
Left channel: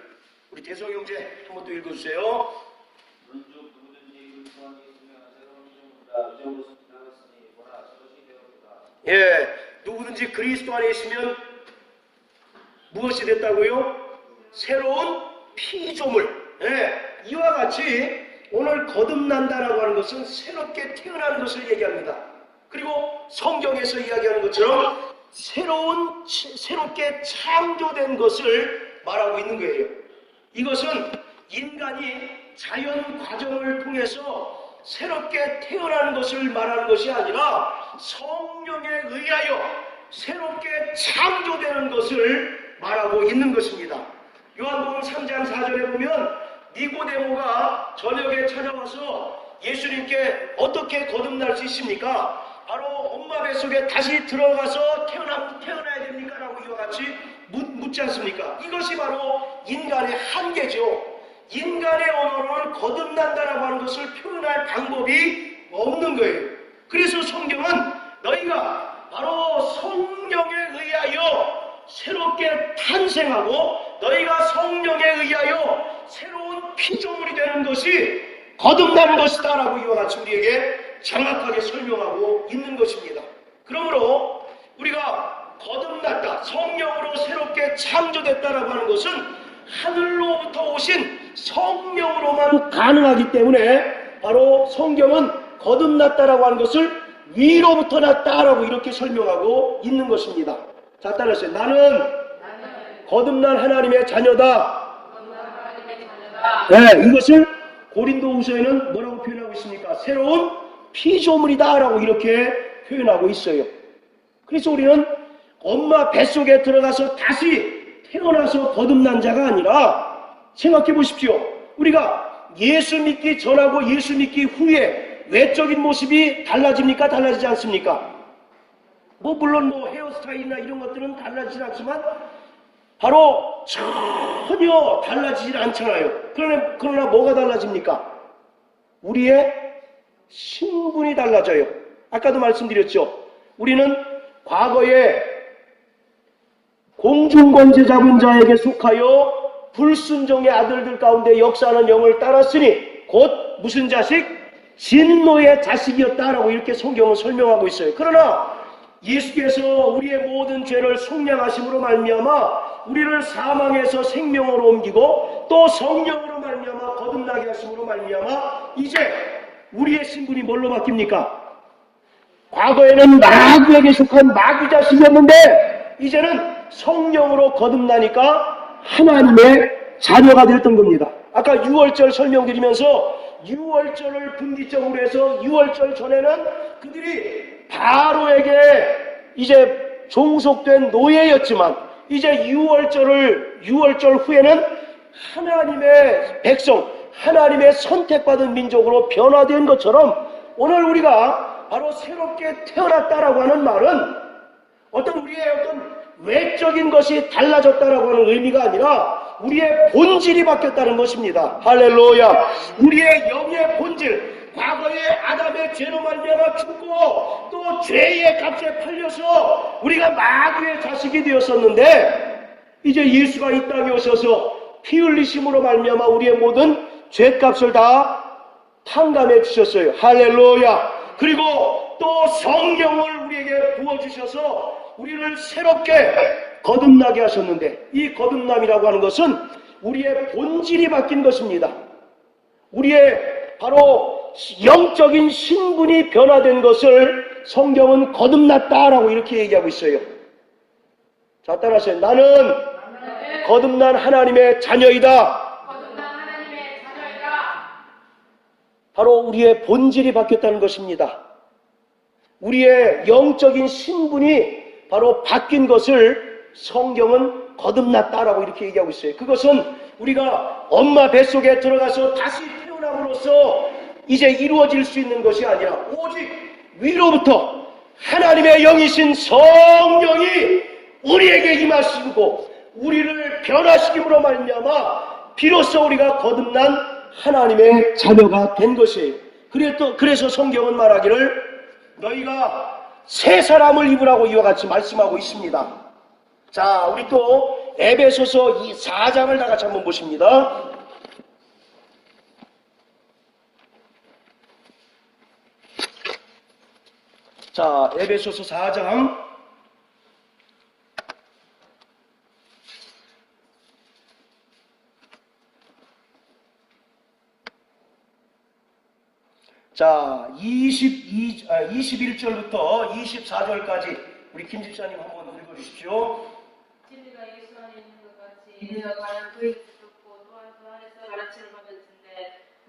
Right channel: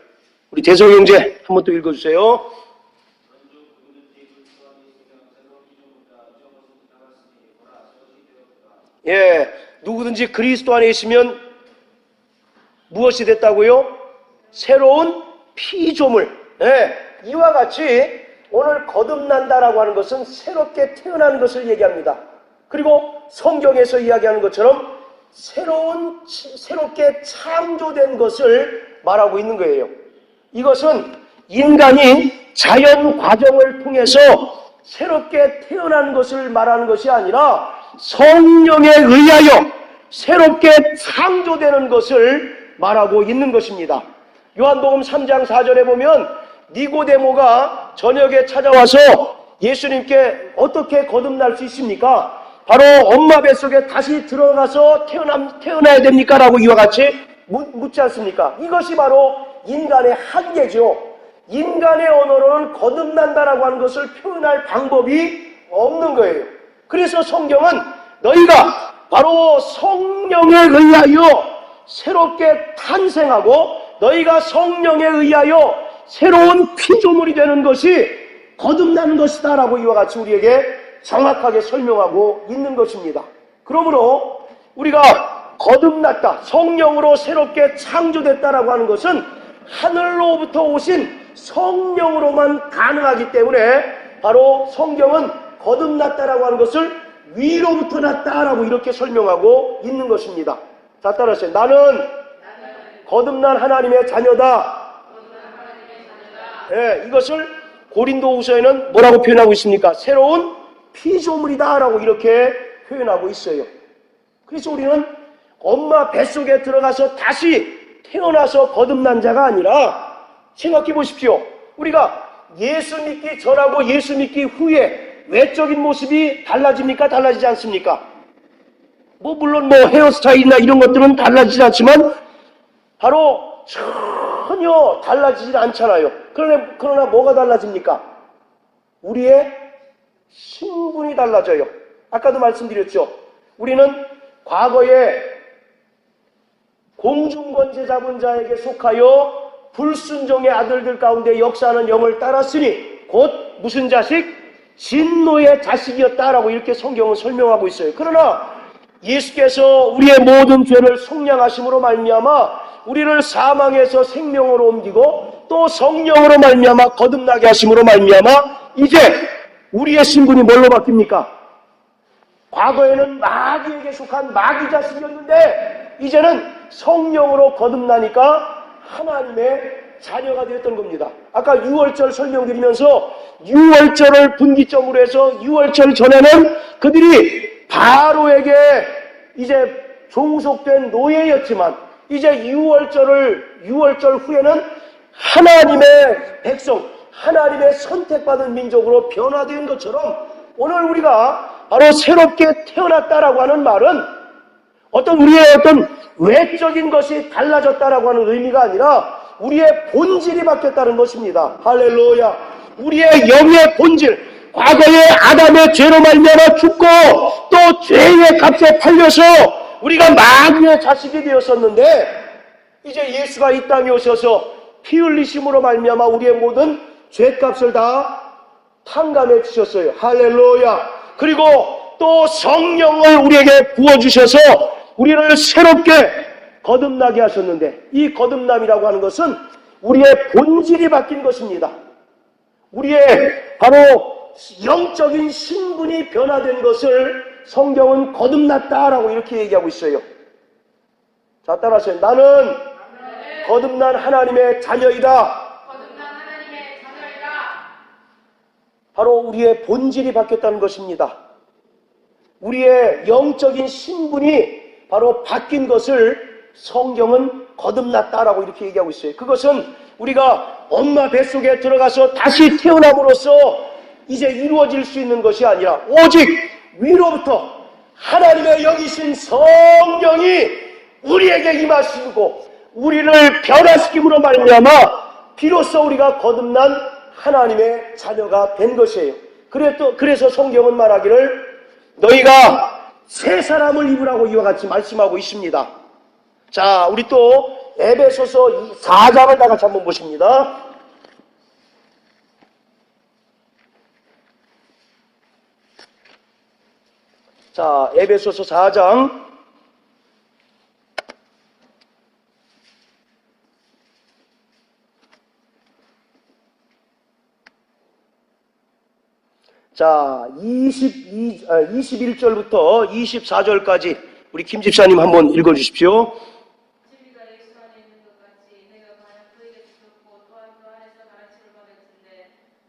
우리 대성 형제 한번 또 읽어주세요. 예, 누구든지 그리스도 안에 있으면 무엇이 됐다고요? 새로운 피조물. 예, 이와 같이 오늘 거듭난다라고 하는 것은 새롭게 태어난 것을 얘기합니다. 그리고 성경에서 이야기하는 것처럼 새롭게 창조된 것을 말하고 있는 거예요. 이것은 인간이 자연 과정을 통해서 새롭게 태어난 것을 말하는 것이 아니라 성령에 의하여 새롭게 창조되는 것을 말하고 있는 것입니다. 요한복음 3장 4절에 보면 니고데모가 저녁에 찾아와서 예수님께 어떻게 거듭날 수 있습니까? 바로 엄마 뱃속에 다시 들어가서 태어나야 됩니까? 라고 이와 같이 묻지 않습니까? 이것이 바로 인간의 한계죠. 인간의 언어로는 거듭난다라고 하는 것을 표현할 방법이 없는 거예요. 그래서 성경은 너희가 바로 성령에 의하여 새롭게 탄생하고 너희가 성령에 의하여 새로운 피조물이 되는 것이 거듭나는 것이다 라고 이와 같이 우리에게 정확하게 설명하고 있는 것입니다. 그러므로 우리가 거듭났다, 성령으로 새롭게 창조됐다라고 하는 것은 하늘로부터 오신 성령으로만 가능하기 때문에 바로 성경은 거듭났다라고 하는 것을 위로부터 났다라고 이렇게 설명하고 있는 것입니다. 자, 따라하세요. 나는 거듭난 하나님의 자녀다. 네, 이것을 고린도후서에는 뭐라고 표현하고 있습니까? 새로운 피조물이다 라고 이렇게 표현하고 있어요. 그래서 우리는 엄마 뱃속에 들어가서 다시 태어나서 거듭난 자가 아니라 생각해 보십시오. 우리가 예수 믿기 전하고 예수 믿기 후에 외적인 모습이 달라집니까? 달라지지 않습니까? 물론 헤어스타일이나 이런 것들은 달라지지 않지만 바로 전혀 달라지질 않잖아요. 그러나 뭐가 달라집니까? 우리의 신분이 달라져요. 아까도 말씀드렸죠. 우리는 과거에 공중권세 잡은 자에게 속하여 불순종의 아들들 가운데 역사하는 영을 따랐으니 곧 무슨 자식? 진노의 자식이었다라고 이렇게 성경은 설명하고 있어요. 그러나 예수께서 우리의 모든 죄를 속량하심으로 말미암아 우리를 사망에서 생명으로 옮기고 또 성령으로 말미암아 거듭나게 하심으로 말미암아 이제 우리의 신분이 뭘로 바뀝니까? 과거에는 마귀에게 속한 마귀 자식이었는데 이제는 성령으로 거듭나니까 하나님의 자녀가 됐던 겁니다. 아까 6월절 설명드리면서 6월절을 분기점으로 해서 6월절 전에는 그들이 바로에게 이제 종속된 노예였지만 이제 6월절 후에는 하나님의 백성, 하나님의 선택받은 민족으로 변화된 것처럼 오늘 우리가 바로 새롭게 태어났다라고 하는 말은 우리의 외적인 것이 달라졌다라고 하는 의미가 아니라 우리의 본질이 바뀌었다는 것입니다. 할렐루야. 우리의 영의 본질, 과거에 아담의 죄로 말미암아 죽고 또 죄의 값에 팔려서 우리가 마귀의 자식이 되었었는데 이제 예수가 이 땅에 오셔서 피 흘리심으로 말미암아 우리의 모든 죄값을 다 탕감해 주셨어요. 할렐루야. 그리고 또 성령을 우리에게 부어주셔서 우리를 새롭게 거듭나게 하셨는데 이 거듭남이라고 하는 것은 우리의 본질이 바뀐 것입니다. 우리의 바로 영적인 신분이 변화된 것을 성경은 거듭났다라고 이렇게 얘기하고 있어요. 자, 따라하세요. 나는 거듭난 하나님의 자녀이다. 바로 우리의 본질이 바뀌었다는 것입니다. 우리의 영적인 신분이 바로 바뀐 것을 성경은 거듭났다라고 이렇게 얘기하고 있어요. 그것은 우리가 엄마 뱃속에 들어가서 다시 태어남으로써 이제 이루어질 수 있는 것이 아니라 오직 위로부터 하나님의 영이신 성령이 우리에게 임하시고 우리를 변화시킴으로 말미암아 비로소 우리가 거듭난 하나님의 자녀가 된 것이에요. 그래서 성경은 말하기를 너희가 새 사람을 입으라고 이와 같이 말씀하고 있습니다. 자, 우리 또 에베소서 4장을 다 같이 한번 보십니다. 자, 에베소서 4장 자, 21절부터 24절까지 우리 김 집사님 한번 읽어주십시오. 진리가 예수 안에 있는 것 같이 너희가 과연 그에게 죽었고 또한 그 안에서 가르침을 받았는데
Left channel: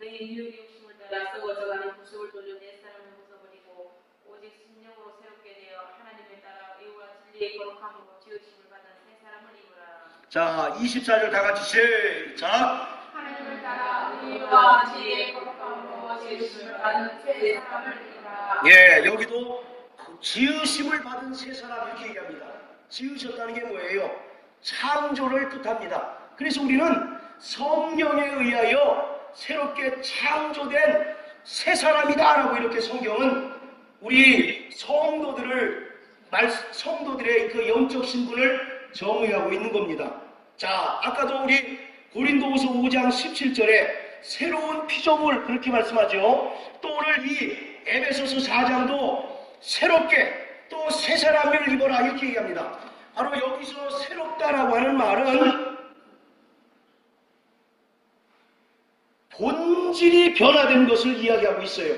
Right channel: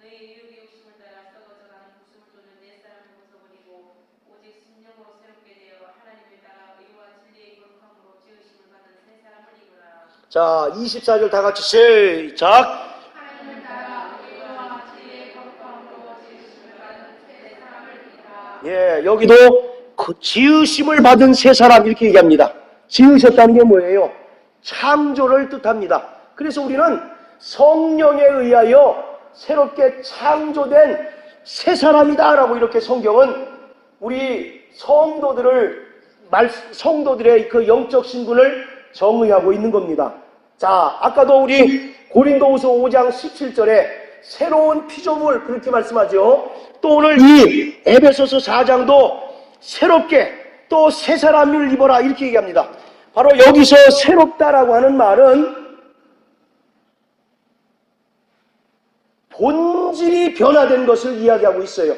너희 이웃의 욕심을 따라 썩어져가는 구속을 돌려 내 사람을 벗어버리고 오직 심령으로 새롭게 되어 하나님을 따라 의와 진리의 거룩함으로 지으심을 받은 새 사람을 입으라. 자, 24절 다 같이 시작. 하나님을 따라 의와 진리의 거룩함으로 지으심을 받은 새 사람을 입으라. 예, 여기도 그 지으심을 받은 새 사람 이렇게 얘기합니다. 지으셨다는 게 뭐예요? 창조를 뜻합니다. 그래서 우리는 성령에 의하여 새롭게 창조된 새 사람이다 라고 이렇게 성경은 우리 성도들을 성도들의 그 영적 신분을 정의하고 있는 겁니다. 자, 아까도 우리 고린도후서 5장 17절에 새로운 피조물 그렇게 말씀하죠. 또 오늘 이 에베소서 4장도 새롭게 또 새 사람을 입어라 이렇게 얘기합니다. 바로 여기서 새롭다라고 하는 말은 본질이 변화된 것을 이야기하고 있어요.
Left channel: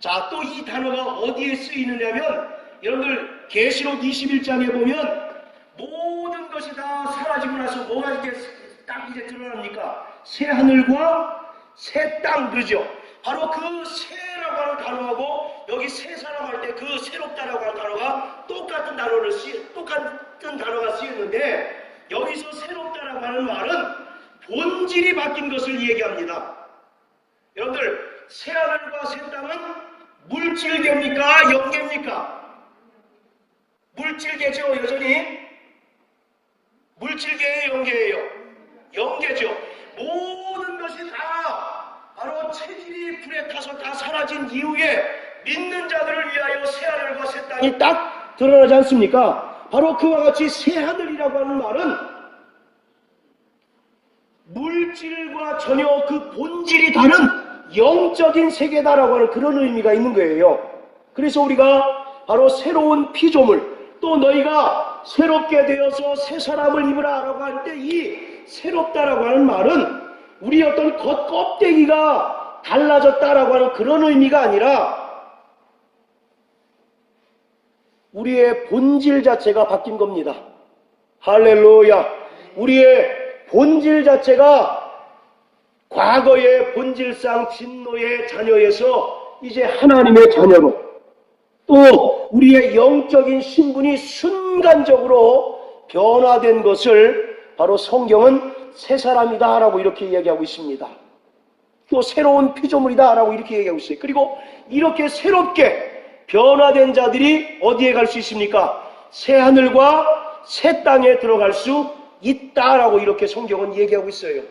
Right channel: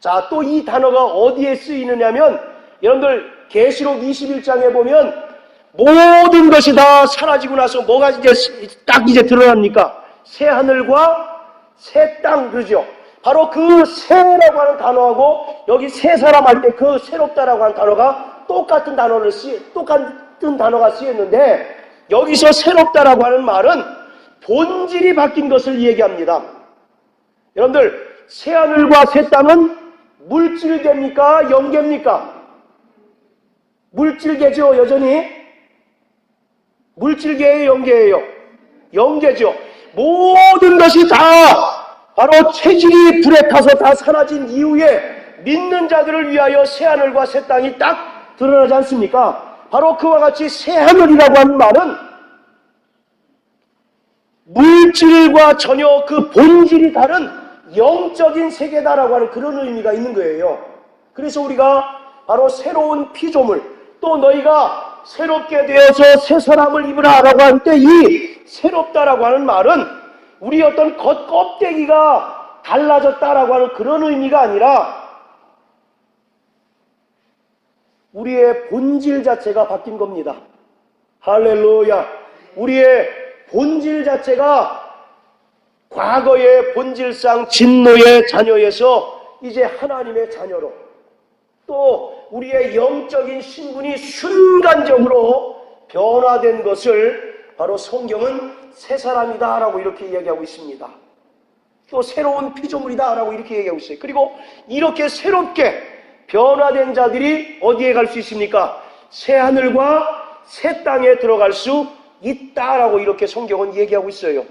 자, 또 이 단어가 어디에 쓰이느냐면 여러분들 계시록 21장에 보면 모든 것이 다 사라지고 나서 뭐가 이제 드러납니까? 새 하늘과 새 땅 그러죠. 바로 그 새라고 하는 단어하고 여기 새 사람 할 때 그 새롭다라고 하는 단어가 똑같은 단어가 쓰였는데 여기서 새롭다라고 하는 말은 본질이 바뀐 것을 얘기합니다. 여러분들 새 하늘과 새 땅은 물질계입니까? 영계입니까? 물질계죠. 여전히 물질계예요, 영계예요? 영계죠. 모든 것이 다 바로 체질이 불에 타서 다 사라진 이후에 믿는 자들을 위하여 새 하늘과 새 땅이 딱 드러나지 않습니까? 바로 그와 같이 새 하늘이라고 하는 말은 물질과 전혀 그 본질이 다른 영적인 세계다라고 하는 그런 의미가 있는 거예요. 그래서 우리가 바로 새로운 피조물, 또 너희가 새롭게 되어서 새 사람을 입으라 라고 할 때 이 새롭다라고 하는 말은 우리 어떤 겉껍데기가 달라졌다라고 하는 그런 의미가 아니라 우리의 본질 자체가 바뀐 겁니다. 할렐루야. 우리의 본질 자체가 과거의 본질상 진노의 자녀에서 이제 하나님의 자녀로, 또 우리의 영적인 신분이 순간적으로 변화된 것을 바로 성경은 새 사람이다 라고 이렇게 이야기하고 있습니다. 또 새로운 피조물이다 라고 이렇게 얘기하고 있어요. 그리고 이렇게 새롭게 변화된 자들이 어디에 갈 수 있습니까? 새 하늘과 새 땅에 들어갈 수 있다라고 이렇게 성경은 얘기하고 있어요.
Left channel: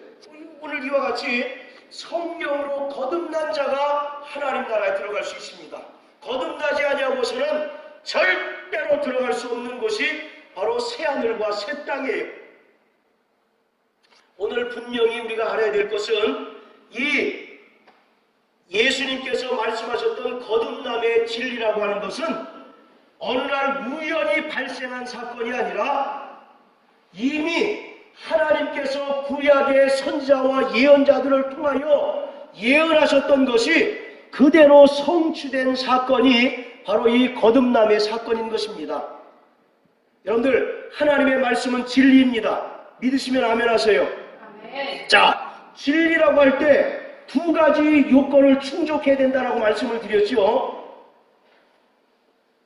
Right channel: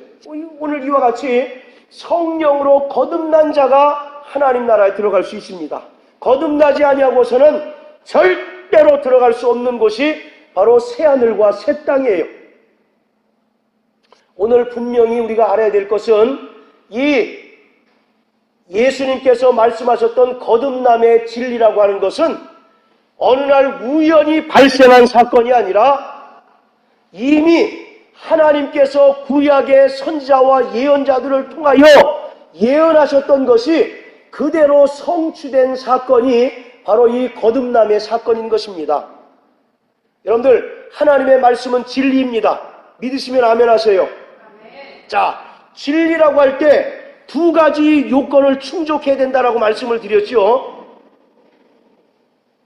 오늘 이와 같이 성령으로 거듭난 자가 하나님 나라에 들어갈 수 있습니다. 거듭나지 아니하고서는 절대로 들어갈 수 없는 곳이 바로 새 하늘과 새 땅이에요. 오늘 분명히 우리가 알아야 될 것은 이 예수님께서 말씀하셨던 거듭남의 진리라고 하는 것은 어느 날 우연히 발생한 사건이 아니라 이미 하나님께서 구약의 선지자와 예언자들을 통하여 예언하셨던 것이 그대로 성취된 사건이 바로 이 거듭남의 사건인 것입니다. 여러분들, 하나님의 말씀은 진리입니다. 믿으시면 아멘 하세요. 아멘. 자, 진리라고 할 때 두 가지 요건을 충족해야 된다라고 말씀을 드렸죠.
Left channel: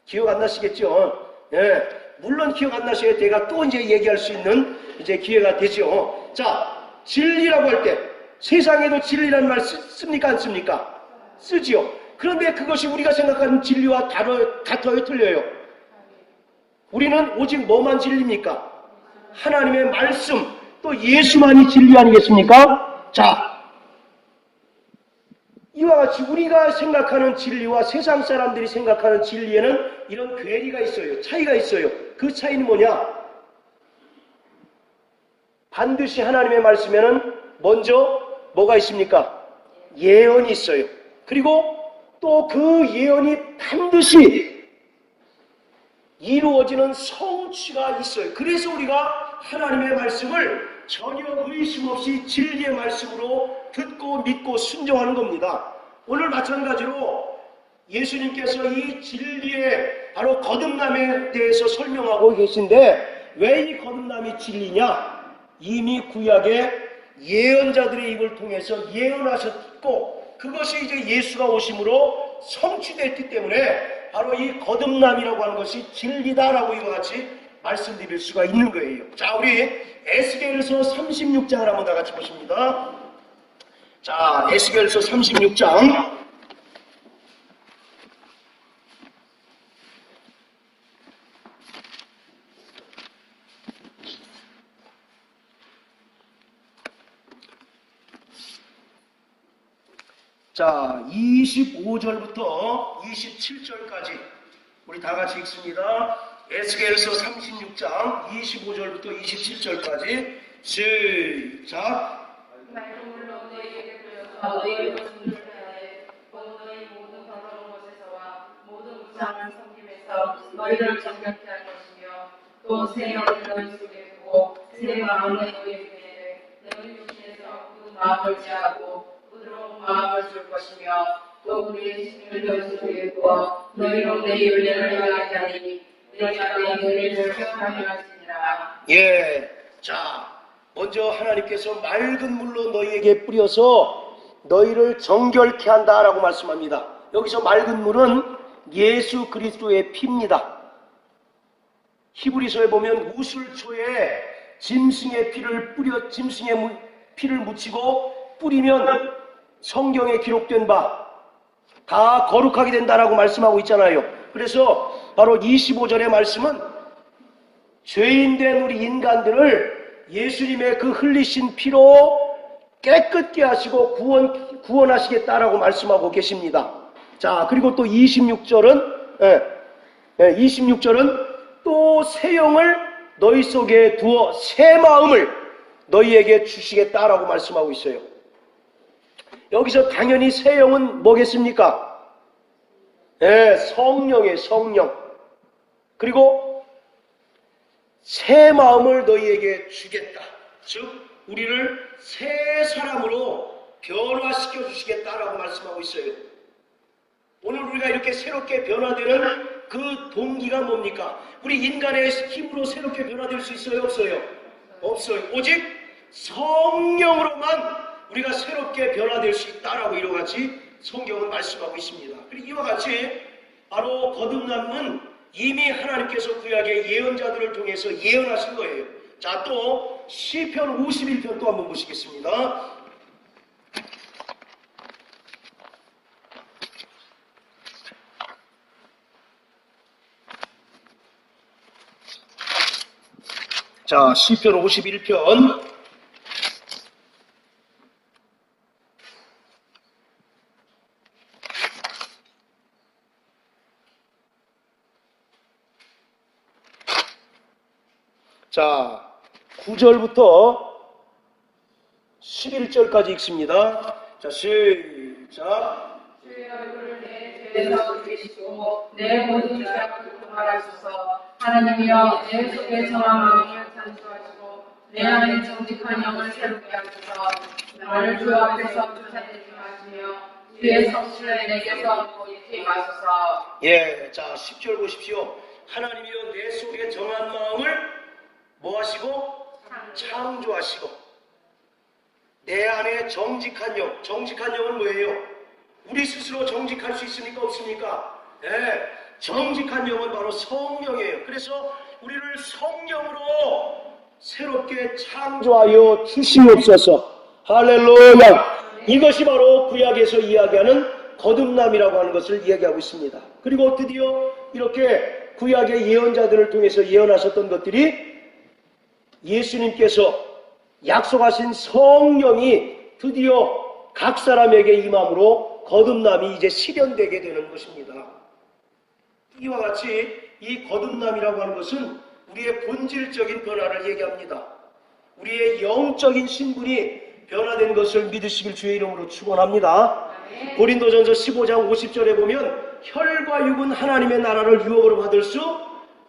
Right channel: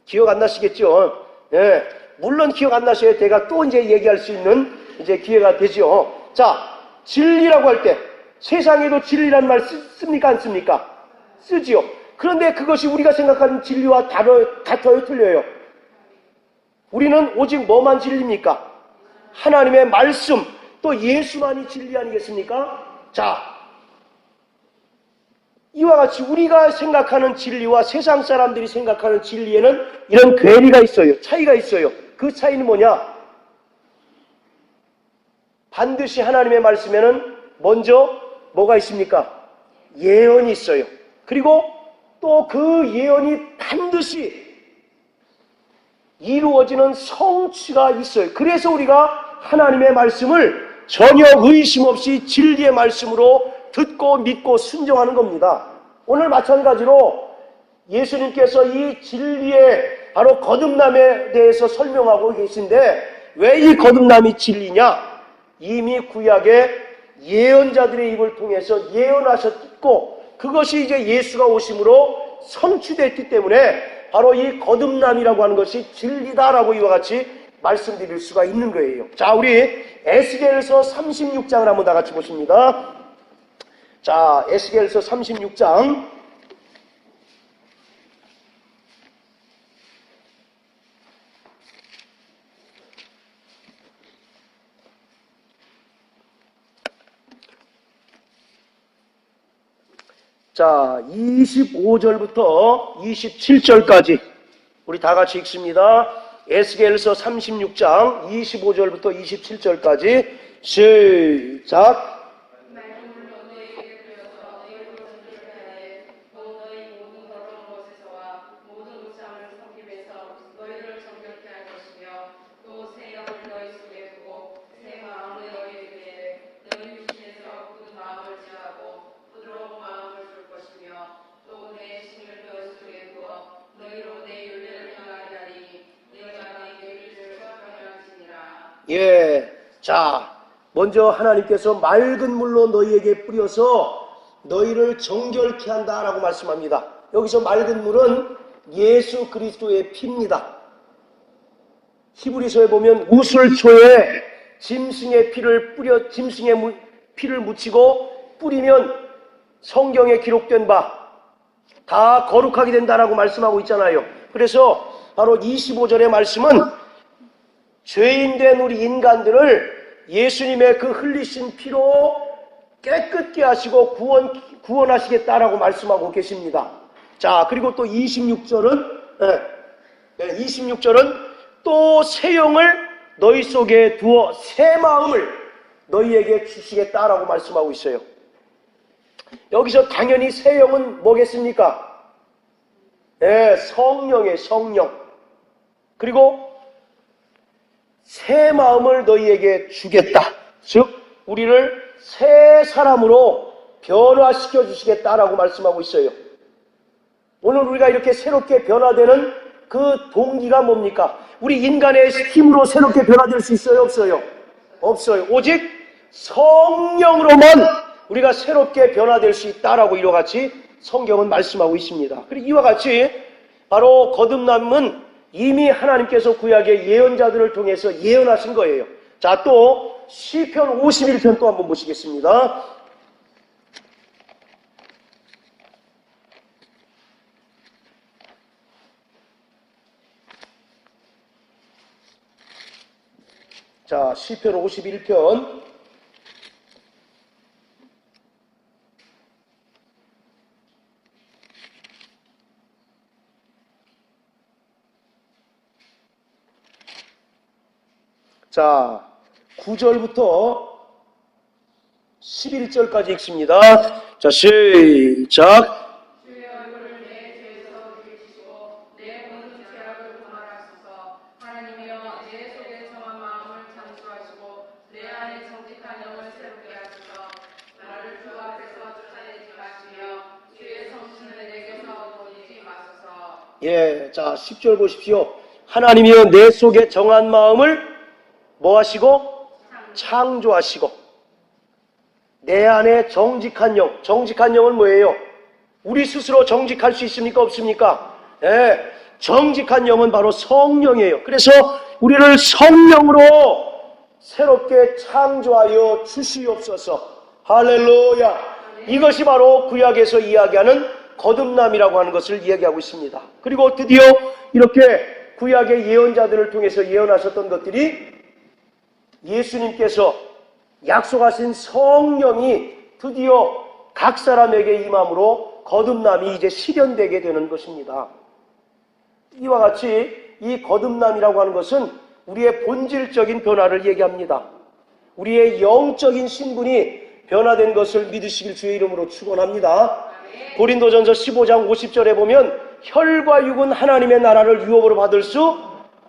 기억 안 나시겠죠? 네. 물론 기억 안 나셔야 제가 또 이제 얘기할 수 있는 이제 기회가 되죠. 자, 진리라고 할 때 세상에도 진리란 말 씁니까? 안 씁니까? 쓰지요. 그런데 그것이 우리가 생각하는 진리와 같아요? 틀려요? 우리는 오직 뭐만 진리입니까? 하나님의 말씀, 또 예수만이 진리 아니겠습니까? 자, 이와 같이 우리가 생각하는 진리와 세상 사람들이 생각하는 진리에는 이런 괴리가 있어요. 차이가 있어요. 그 차이는 뭐냐? 반드시 하나님의 말씀에는 먼저 뭐가 있습니까? 예언이 있어요. 그리고 또 그 예언이 반드시 이루어지는 성취가 있어요. 그래서 우리가 하나님의 말씀을 전혀 의심 없이 진리의 말씀으로 듣고 믿고 순종하는 겁니다. 오늘 마찬가지로 예수님께서 이 진리의 바로 거듭남에 대해서 설명하고 계신데 왜 이 거듭남이 진리냐? 이미 구약의 예언자들의 입을 통해서 예언하셨고 그것이 이제 예수가 오심으로 성취됐기 때문에 바로 이 거듭남이라고 하는 것이 진리다라고 이와 같이 말씀드릴 수가 있는 거예요. 자, 우리 에스겔서 36장을 한번 다 같이 보십니다. 자, 에스겔서 36장. 자, 25절부터 27절까지 우리 다 같이 읽습니다. 에스겔서 36장 25절부터 27절까지 시작. 맑은 물로 너희에게 뿌려서 너희의 것을 하되 곧 너희 모든 더러운 것에서와 모든 우상을 섬김에서 너희를 정결케 할 것이며 또 새 영을 너희 속에 두고 새 마음을 너희에게 주되 너희 육신에서 굳은 마음을 제하고 부드러운 마음을 줄 것이며 또 우리의 신을 너희 속에 부어 너희로 내 윤례를 행하게 하리니 내가 내 윤례를 행하게 하시니라. 예. 자, 먼저 하나님께서 맑은 물로 너희에게 뿌려서 너희를 정결케 한다라고 말씀합니다. 여기서 맑은 물은 예수 그리스도의 피입니다. 히브리서에 보면 우슬초에 짐승의 피를 묻히고 뿌리면 성경에 기록된 바 다 거룩하게 된다라고 말씀하고 있잖아요. 그래서 바로 25절의 말씀은 죄인된 우리 인간들을 예수님의 그 흘리신 피로 깨끗게 하시고 구원하시겠다라고 말씀하고 계십니다. 자, 그리고 또 26절은 또 새 영을 너희 속에 두어 새 마음을 너희에게 주시겠다라고 말씀하고 있어요. 여기서 당연히 새 영은 뭐겠습니까? 성령의 성령. 그리고 새 마음을 너희에게 주겠다. 즉 우리를 새 사람으로 변화시켜 주시겠다라고 말씀하고 있어요. 오늘 우리가 이렇게 새롭게 변화되는 그 동기가 뭡니까? 우리 인간의 힘으로 새롭게 변화될 수 있어요? 없어요? 없어요. 오직 성령으로만 우리가 새롭게 변화될 수 있다라고 이와 같이 성경은 말씀하고 있습니다. 그리고 이와 같이 바로 거듭남은 이미 하나님께서 구약의 예언자들을 통해서 예언하신 거예요. 자, 또 시편 51편 또 한번 보시겠습니다. 자, 시편 51편 자, 9절부터 11절까지 읽습니다. 자, 시작. 주의 얼굴을 내 죄에서 들이시고 내 모든 죄악을 고발하소서. 하나님이여 내 속에 정한 마음을 창조하시고 내 안에 정직한 영을 새롭게 하소서. 나를 주 앞에서 쫓아내지 마시며 주의 성실을 내게서 보이지 마소서. 예, 자, 10절 보십시오. 하나님이여 내 속에 정한 마음을 뭐 하시고? 창조하시고 내 안에 정직한 영. 정직한 영은 뭐예요? 우리 스스로 정직할 수 있습니까? 없습니까? 네, 정직한 영은 바로 성령이에요. 그래서 우리를 성령으로 새롭게 창조하여 주시옵소서. 할렐루야. 이것이 바로 구약에서 이야기하는 거듭남이라고 하는 것을 이야기하고 있습니다. 그리고 드디어 이렇게 구약의 예언자들을 통해서 예언하셨던 것들이 예수님께서 약속하신 성령이 드디어 각 사람에게 임함으로 거듭남이 이제 실현되게 되는 것입니다. 이와 같이 이 거듭남이라고 하는 것은 우리의 본질적인 변화를 얘기합니다. 우리의 영적인 신분이 변화된 것을 믿으시길 주의 이름으로 축원합니다. 고린도전서 15장 50절에 보면 혈과 육은 하나님의 나라를 유업으로 받을 수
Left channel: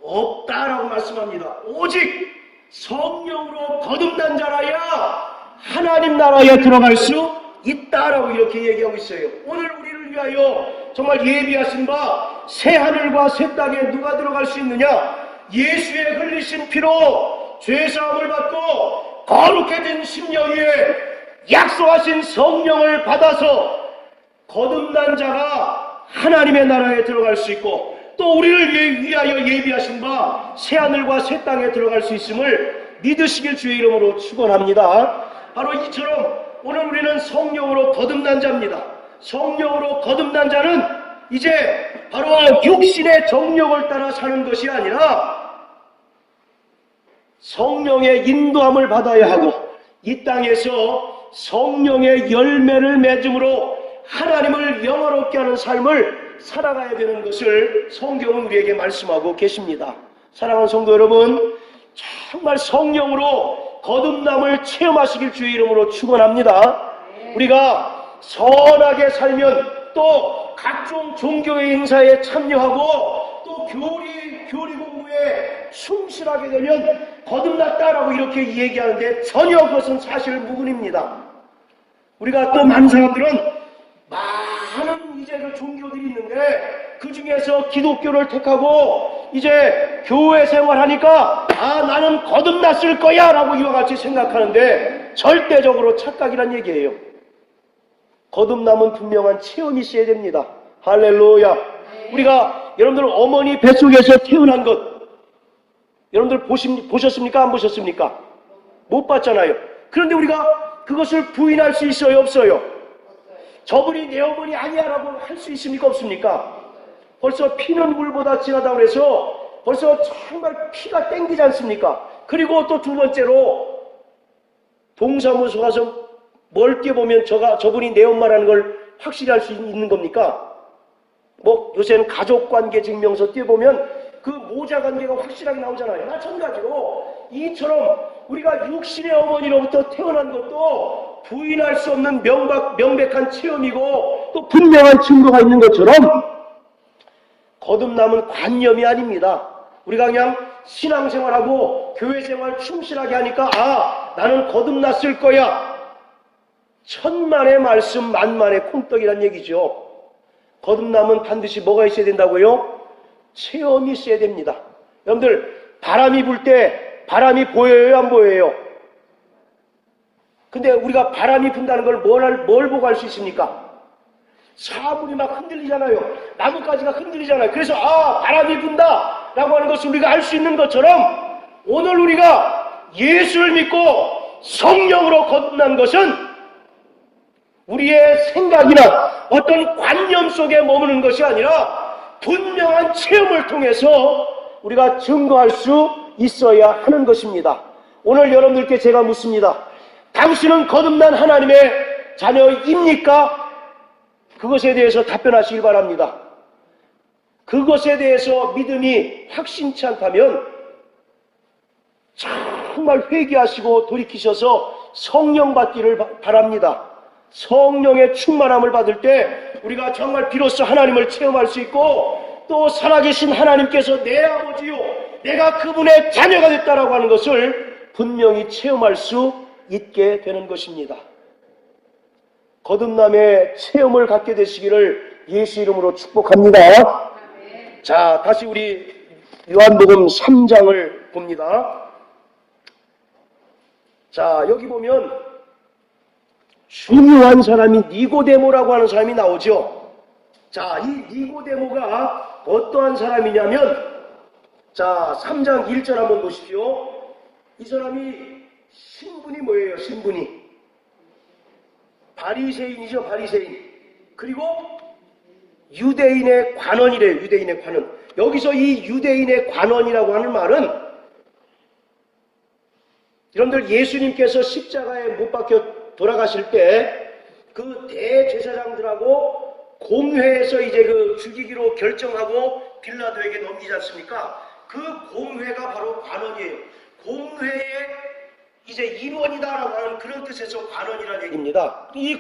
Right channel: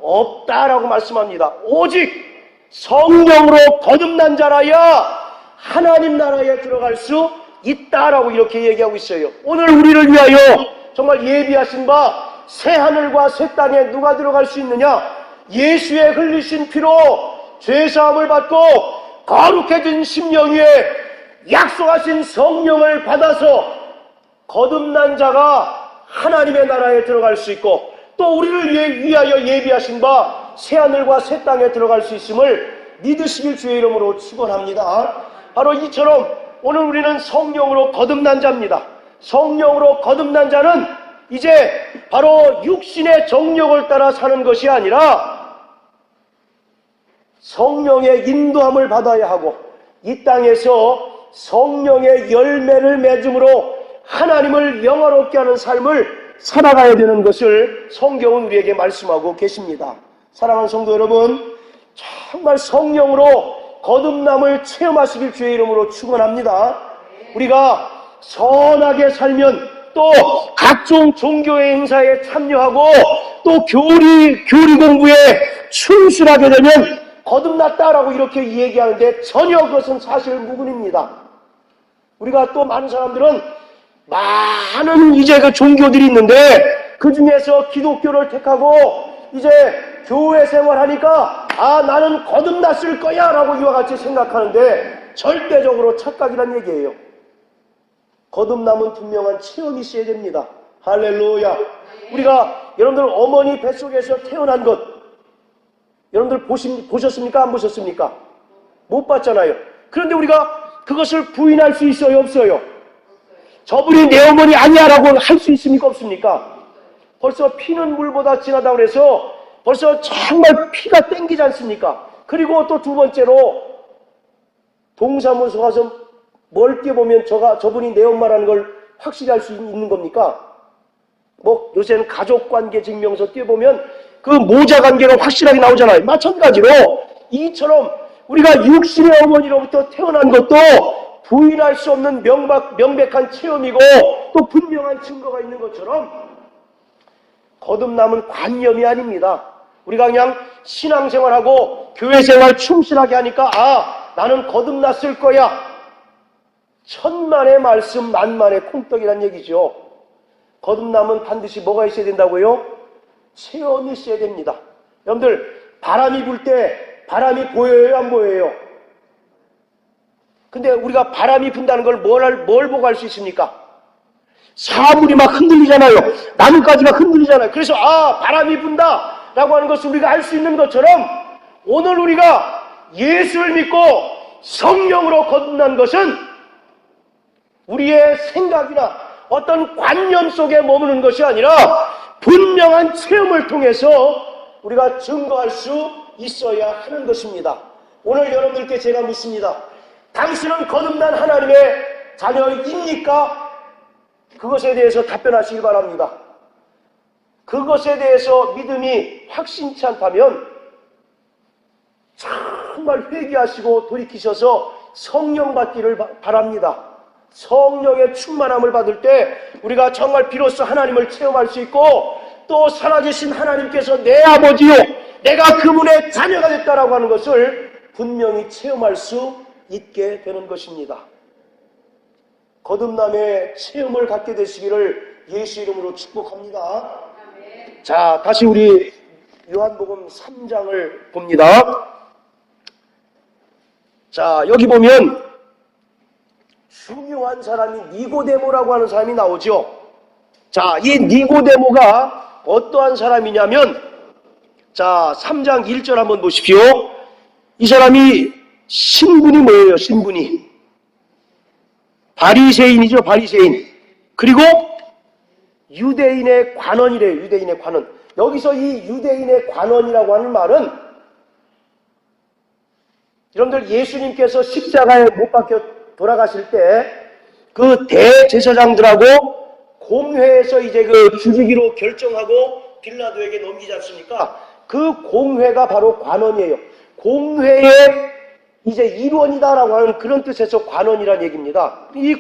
없다라고 말씀합니다. 오직 성령으로 거듭난 자라야 하나님 나라에 들어갈 수 있다라고 이렇게 얘기하고 있어요. 오늘 우리를 위하여 정말 예비하신 바 새 하늘과 새 땅에 누가 들어갈 수 있느냐? 예수의 흘리신 피로 죄사함을 받고 거룩해진 심령 위에 약속하신 성령을 받아서 거듭난 자가 하나님의 나라에 들어갈 수 있고, 또 우리를 위하여 예비하신 바 새 하늘과 새 땅에 들어갈 수 있음을 믿으시길 주의 이름으로 축원합니다. 바로 이처럼 오늘 우리는 성령으로 거듭난 자입니다. 성령으로 거듭난 자는 이제 바로 육신의 정욕을 따라 사는 것이 아니라 성령의 인도함을 받아야 하고 이 땅에서 성령의 열매를 맺음으로 하나님을 영화롭게 하는 삶을 살아가야 되는 것을 성경은 우리에게 말씀하고 계십니다. 사랑하는 성도 여러분, 정말 성령으로 거듭남을 체험하시길 주의 이름으로 축원합니다. 우리가 선하게 살면 또 각종 종교의 행사에 참여하고 또 교리 공부에 충실하게 되면 거듭났다라고 이렇게 얘기하는데 전혀 그것은 사실 무근입니다. 우리가 또 많은 사람들은 많은 이제 그 종교들이 있는데 그 중에서 기독교를 택하고 이제 교회 생활하니까 나는 거듭났을 거야 라고 이와 같이 생각하는데 절대적으로 착각이란 얘기예요. 거듭남은 분명한 체험이 있어야 됩니다. 할렐루야. 우리가 여러분들 어머니 뱃속에서 태어난 것 여러분들 보셨습니까? 안 보셨습니까? 못 봤잖아요. 그런데 우리가 그것을 부인할 수 있어요? 없어요? 저분이 내 어머니 아니야 라고 할 수 있습니까? 없습니까? 벌써 피는 물보다 진하다고 해서 벌써 정말 피가 땡기지 않습니까? 그리고 또 두 번째로 동사무소 가서 뭘 띄워보면 저분이 내 엄마라는 걸 확실히 알 수 있는 겁니까? 뭐 요새는 가족관계 증명서 띄워보면 그 모자관계로 확실하게 나오잖아요. 마찬가지로 이처럼 우리가 육신의 어머니로부터 태어난 것도 부인할 수 없는 명백한 체험이고 또 분명한 증거가 있는 것처럼 거듭남은 관념이 아닙니다. 우리가 그냥 신앙생활하고 교회생활 충실하게 하니까 나는 거듭났을 거야. 천만의 말씀 만만의 콩떡이란 얘기죠. 거듭남은 반드시 뭐가 있어야 된다고요? 체험이 있어야 됩니다. 여러분들 바람이 불 때 바람이 보여요? 안 보여요? 근데 우리가 바람이 분다는 걸 뭘 보고 알 수 있습니까? 사물이 막 흔들리잖아요. 나뭇가지가 흔들리잖아요. 그래서 바람이 분다 라고 하는 것을 우리가 알 수 있는 것처럼 오늘 우리가 예수를 믿고 성령으로 거듭난 것은 우리의 생각이나 어떤 관념 속에 머무는 것이 아니라 분명한 체험을 통해서 우리가 증거할 수 있어야 하는 것입니다. 오늘 여러분들께 제가 묻습니다. 당신은 거듭난 하나님의 자녀입니까? 그것에 대해서 답변하시길 바랍니다. 그것에 대해서 믿음이 확신치 않다면 정말 회개하시고 돌이키셔서 성령 받기를 바랍니다. 성령의 충만함을 받을 때 우리가 정말 비로소 하나님을 체험할 수 있고 또 살아계신 하나님께서 내 아버지요 내가 그분의 자녀가 됐다라고 하는 것을 분명히 체험할 수 있게 되는 것입니다. 거듭남의 체험을 갖게 되시기를 예수 이름으로 축복합니다. 자, 다시 우리 요한복음 3장을 봅니다. 자, 여기 보면 중요한 사람이 니고데모라고 하는 사람이 나오죠. 자, 이 니고데모가 어떠한 사람이냐면 자, 3장 1절 한번 보십시오. 이 사람이 신분이 뭐예요? 신분이 바리새인이죠. 바리새인. 그리고 유대인의 관원이래요. 유대인의 관원. 여기서 이 유대인의 관원이라고 하는 말은 여러분들 예수님께서 십자가에 못 박혀 돌아가실 때 그 대제사장들하고 공회에서 이제 그 죽이기로 결정하고 빌라도에게 넘기지 않습니까? 그 공회가 바로 관원이에요. 공회의 이제 일원이다라고 하는 그런 뜻에서 관원이라는 얘기입니다. 이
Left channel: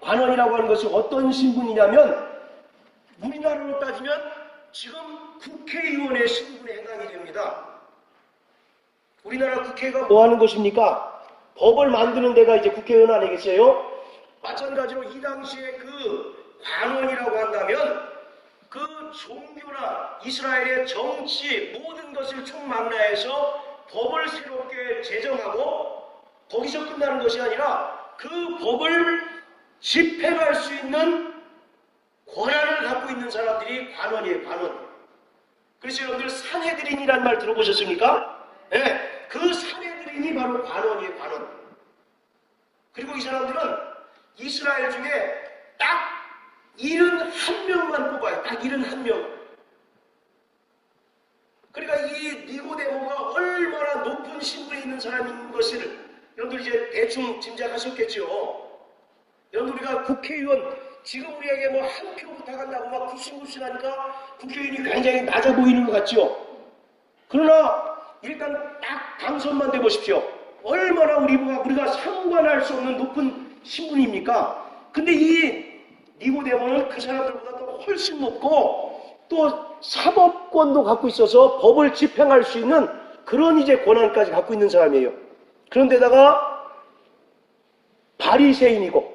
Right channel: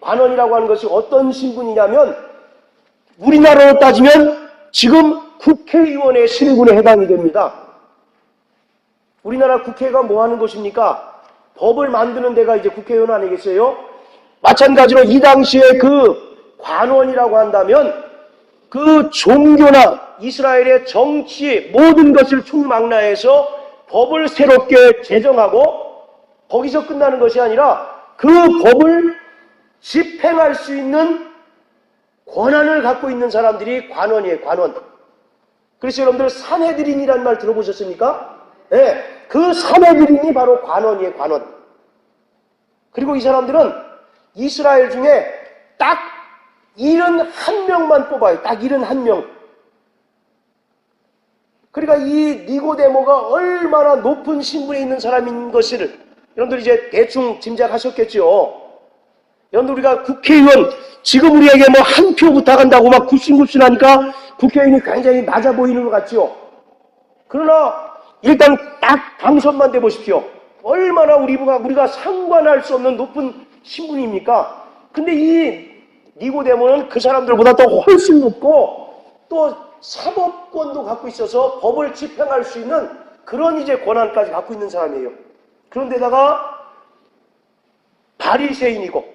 관원이라고 하는 것이 어떤 신분이냐면 우리나라로 따지면 지금 국회의원의 신분에 해당이 됩니다. 우리나라 국회가 뭐 하는 곳입니까? 법을 만드는 데가 이제 국회의원 아니겠어요? 마찬가지로 이 당시에 그 관원이라고 한다면 그 종교나 이스라엘의 정치 모든 것을 총망라해서 법을 새롭게 제정하고 거기서 끝나는 것이 아니라 그 법을 집행할 수 있는 권한을 갖고 있는 사람들이 관원이에요. 관원. 그래서 여러분들 산헤드린이라는 말 들어보셨습니까? 네, 그 산헤드린이 바로 관원이에요. 관원. 그리고 이 사람들은 이스라엘 중에 딱 71명만 뽑아요. 딱 71명. 그러니까 이 니고데모가 얼마나 높은 신분에 있는 사람인 것을 여러분들 이제 대충 짐작하셨겠죠. 여러분 우리가 국회의원 지금 우리에게 뭐 한 표 부탁한다고 막 굽신굽신하니까 국회의원이 굉장히 낮아 보이는 것 같죠. 그러나 일단 딱 당선만 돼 보십시오. 얼마나 우리가 상관할 수 없는 높은 신분입니까? 근데 이 니고데모는 그 사람들보다 더 훨씬 높고 또 사법권도 갖고 있어서 법을 집행할 수 있는 그런 이제 권한까지 갖고 있는 사람이에요. 그런데다가 바리새인이고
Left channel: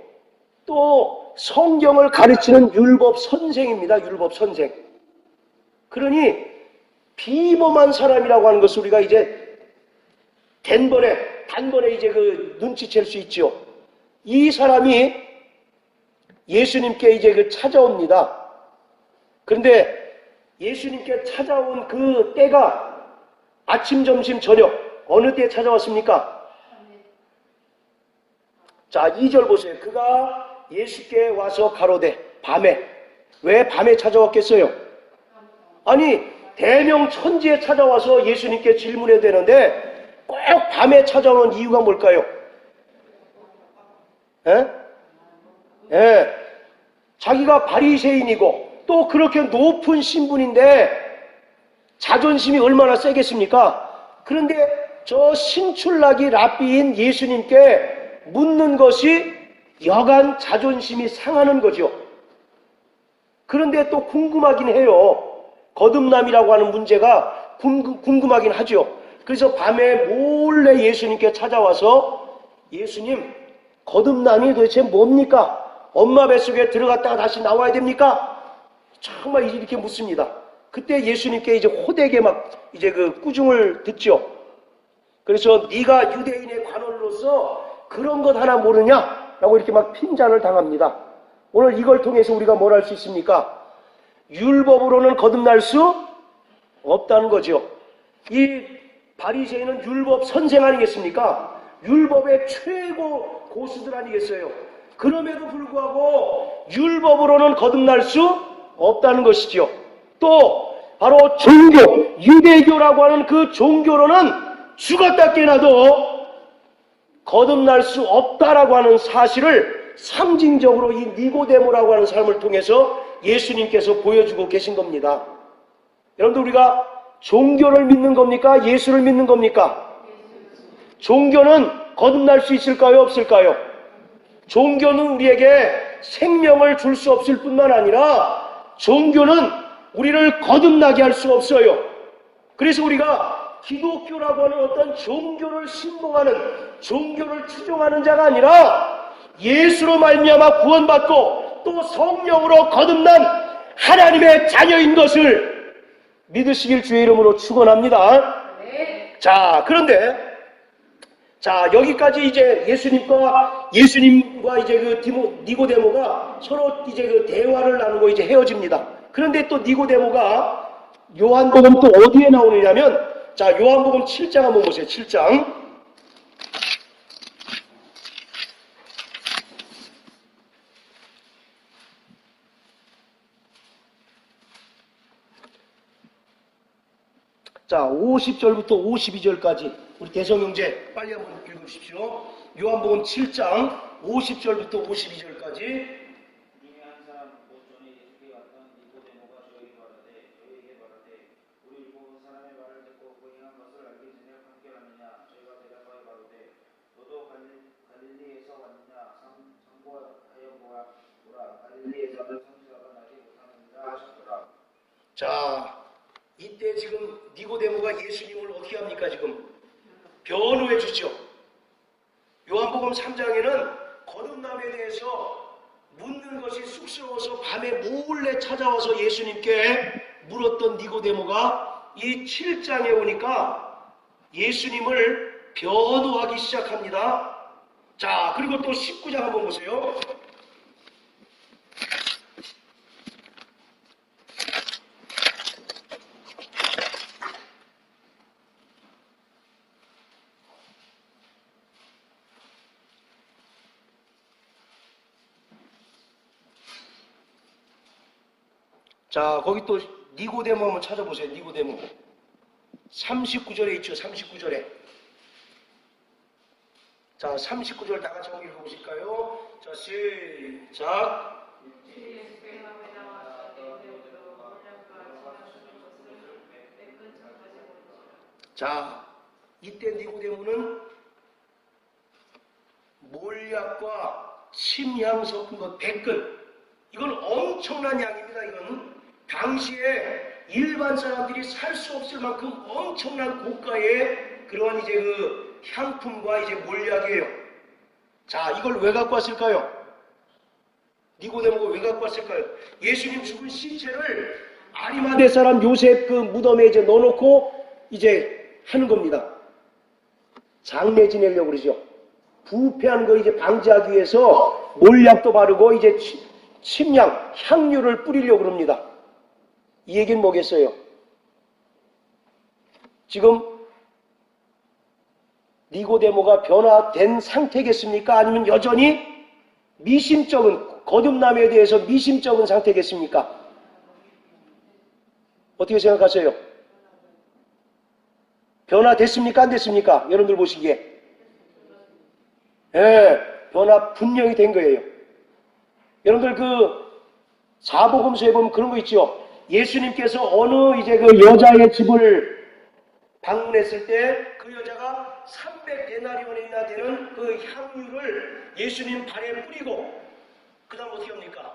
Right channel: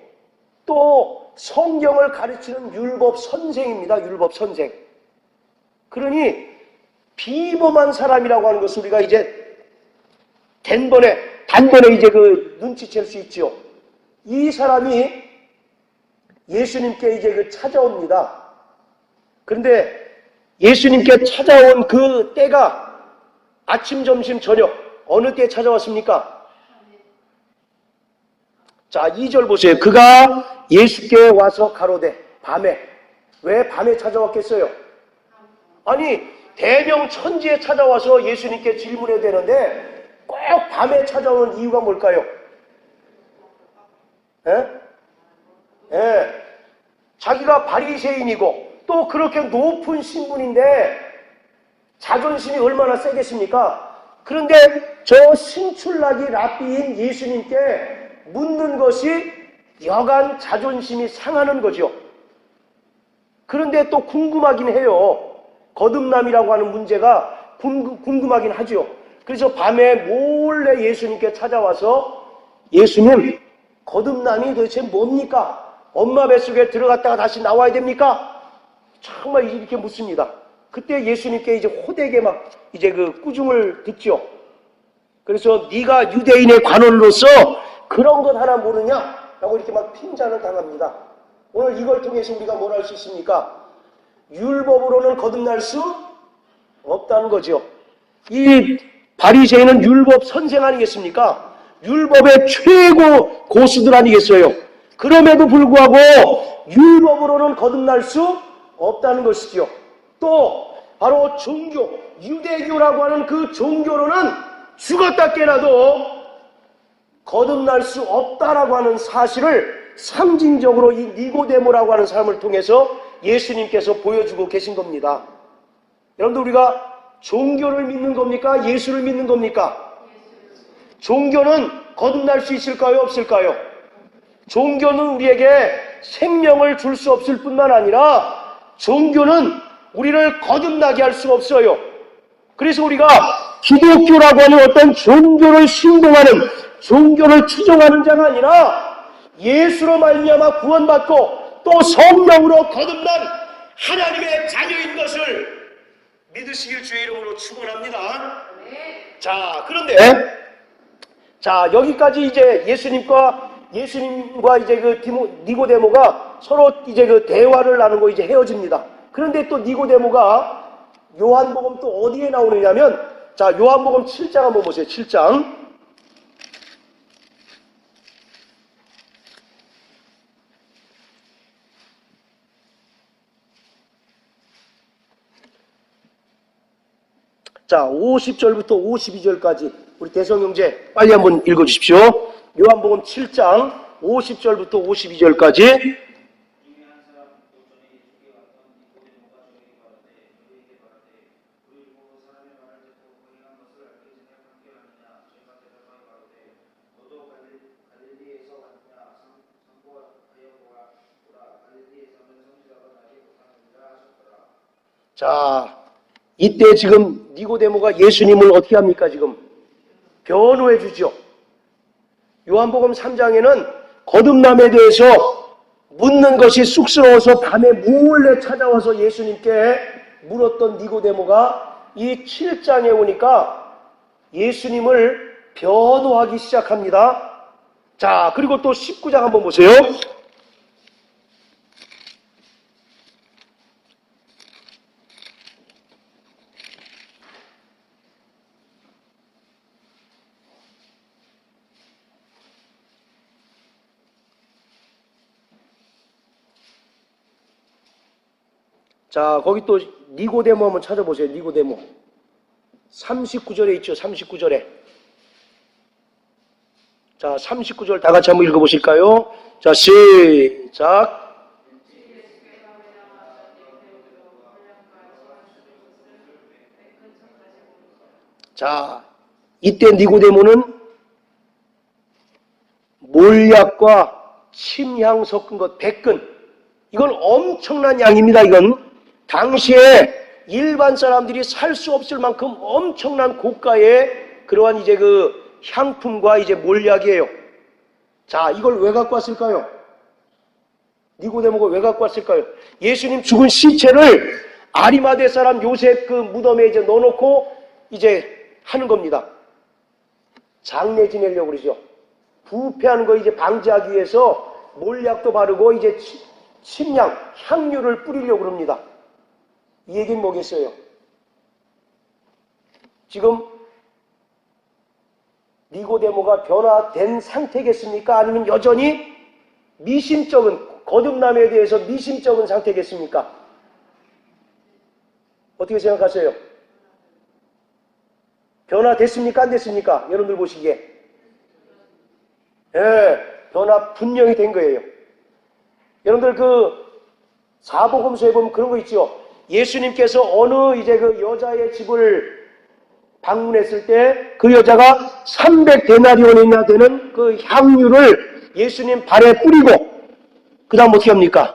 또 성경을 가르치는 율법 선생입니다. 율법 선생. 그러니 비범한 사람이라고 하는 것을 우리가 이제 단번에 이제 눈치챌 수 있죠. 이 사람이 예수님께 이제 찾아옵니다. 그런데 예수님께 찾아온 그 때가 아침, 점심, 저녁 어느 때에 찾아왔습니까? 자, 2절 보세요. 그가 예수께 와서 가로되 밤에. 왜 밤에 찾아왔겠어요? 아니 대명천지에 찾아와서 예수님께 질문해야 되는데 꼭 밤에 찾아오는 이유가 뭘까요? 자기가 바리새인이고 또 그렇게 높은 신분인데 자존심이 얼마나 세겠습니까? 그런데 저 신출나기 랍비인 예수님께 묻는 것이 여간 자존심이 상하는 거죠. 그런데 또 궁금하긴 해요. 거듭남이라고 하는 문제가 궁금하긴 하죠. 그래서 밤에 몰래 예수님께 찾아와서 예수님, 거듭남이 도대체 뭡니까? 엄마 뱃속에 들어갔다가 다시 나와야 됩니까? 정말 이렇게 묻습니다. 그때 예수님께 이제 호되게 막 이제 꾸중을 듣죠. 그래서 네가 유대인의 관원으로서 그런 것 하나 모르냐? 라고 이렇게 막 핀잔을 당합니다. 오늘 이걸 통해서 우리가 뭘 할 수 있습니까? 율법으로는 거듭날 수 없다는 거죠. 이 바리새인은 율법 선생 아니겠습니까? 율법의 최고 고수들 아니겠어요? 그럼에도 불구하고 율법으로는 거듭날 수 없다는 것이죠. 또 바로 종교, 유대교라고 하는 그 종교로는 죽었다 깨나도 거듭날 수 없다라고 하는 사실을 상징적으로 이 니고데모라고 하는 사람을 통해서 예수님께서 보여주고 계신 겁니다. 여러분들 우리가 종교를 믿는 겁니까? 예수를 믿는 겁니까? 종교는 거듭날 수 있을까요? 없을까요? 종교는 우리에게 생명을 줄 수 없을 뿐만 아니라 종교는 우리를 거듭나게 할 수 없어요. 그래서 우리가 기독교라고 하는 어떤 종교를 신봉하는 종교를 추종하는 자가 아니라 예수로 말미암아 구원받고 또 성령으로 거듭난 하나님의 자녀인 것을 믿으시길 주의 이름으로 축원합니다. 자, 그런데 여기까지 이제 예수님과 이제 니고데모가 서로 이제 대화를 나누고 이제 헤어집니다. 그런데 또 니고데모가 요한복음 또 어디에 나오느냐면 요한복음 7장 한번 보세요. 7장. 자, 50절부터 52절까지 우리 대성형제 빨리 한번 읽어주십시오. 요한복음 7장 50절부터 52절까지. 자, 이때 지금 니고데모가 예수님을 어떻게 합니까? 지금 변호해 주죠. 요한복음 3장에는 거듭남에 대해서 묻는 것이 쑥스러워서 밤에 몰래 찾아와서 예수님께 물었던 니고데모가 이 7장에 오니까 예수님을 변호하기 시작합니다. 자, 그리고 또 19장 한번 보세요. 자, 거기 또 니고데모 한번 찾아보세요. 니고데모. 39절에 있죠. 39절에. 자, 39절 다 같이 한번 읽어보실까요? 자, 시작. 자, 이때 니고데모는 몰약과 침향 섞은 것 100근. 이건 엄청난 양입니다. 이건 당시에 일반 사람들이 살 수 없을 만큼 엄청난 고가의 그러한 이제 그 향품과 이제 몰약이에요. 자, 이걸 왜 갖고 왔을까요? 니고데모가 왜 갖고 왔을까요? 예수님 죽은 시체를 아리마대 사람 요셉 그 무덤에 이제 넣어놓고 이제 하는 겁니다. 장례 지내려고 그러죠. 부패하는 걸 이제 방지하기 위해서 몰약도 바르고 이제 침향, 향유를 뿌리려고 그럽니다. 이 얘기는 뭐겠어요? 지금 니고데모가 변화된 상태겠습니까? 아니면 여전히 미심쩍은, 거듭남에 대해서 미심쩍은 상태겠습니까? 어떻게 생각하세요? 변화됐습니까? 안 됐습니까? 여러분들 보시기에. 예, 변화 분명히 된 거예요. 여러분들 그 사복음서에 보면 그런 거 있죠. 예수님께서 어느 이제 그 여자의 집을 방문했을 때 그 여자가 300데나리온이나 되는 그 향유를 예수님 발에 뿌리고 그 다음 어떻게 합니까?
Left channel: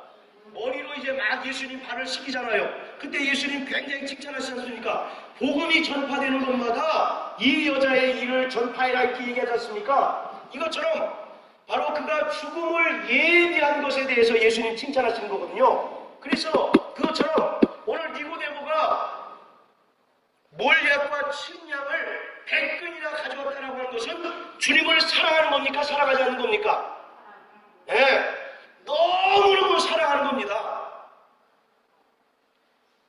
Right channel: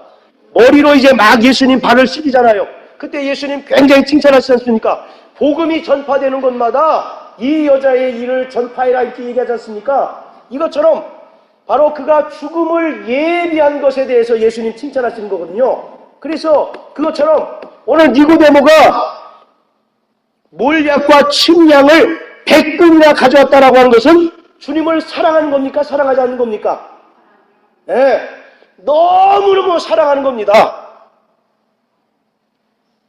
머리로 이제 막 예수님 발을 씻기잖아요. 그때 예수님 굉장히 칭찬하시지 않습니까? 복음이 전파되는 곳마다 이 여자의 일을 전파해라 이렇게 얘기하지 않습니까? 이것처럼 바로 그가 죽음을 예비한 것에 대해서 예수님 칭찬하시는 거거든요. 그래서 그것처럼 오늘 니고데모가 몰약과 침향을 100근이나 가져왔다라고 하는 것은 주님을 사랑하는 겁니까? 사랑하지 않는 겁니까? 네, 너무너무 사랑하는 겁니다.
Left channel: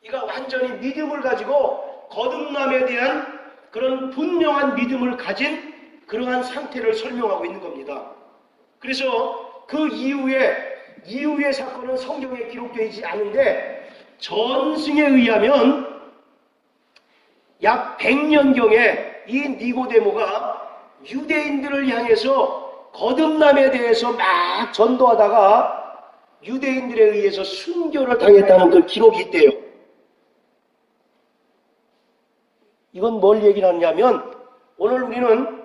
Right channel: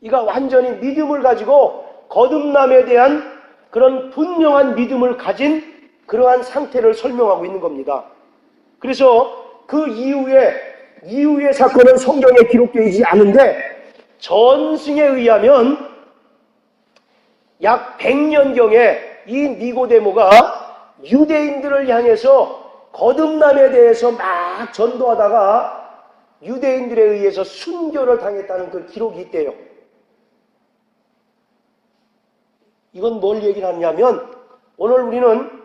이가 완전히 믿음을 가지고 거듭남에 대한 그런 분명한 믿음을 가진 그러한 상태를 설명하고 있는 겁니다. 그래서 그 이후의 사건은 성경에 기록되지 않은데 전승에 의하면 약 100년경에 이 니고데모가 유대인들을 향해서 거듭남에 대해서 막 전도하다가 유대인들에 의해서 순교를 당했다는 그 기록이 있대요. 이건 뭘 얘기하냐면 오늘 우리는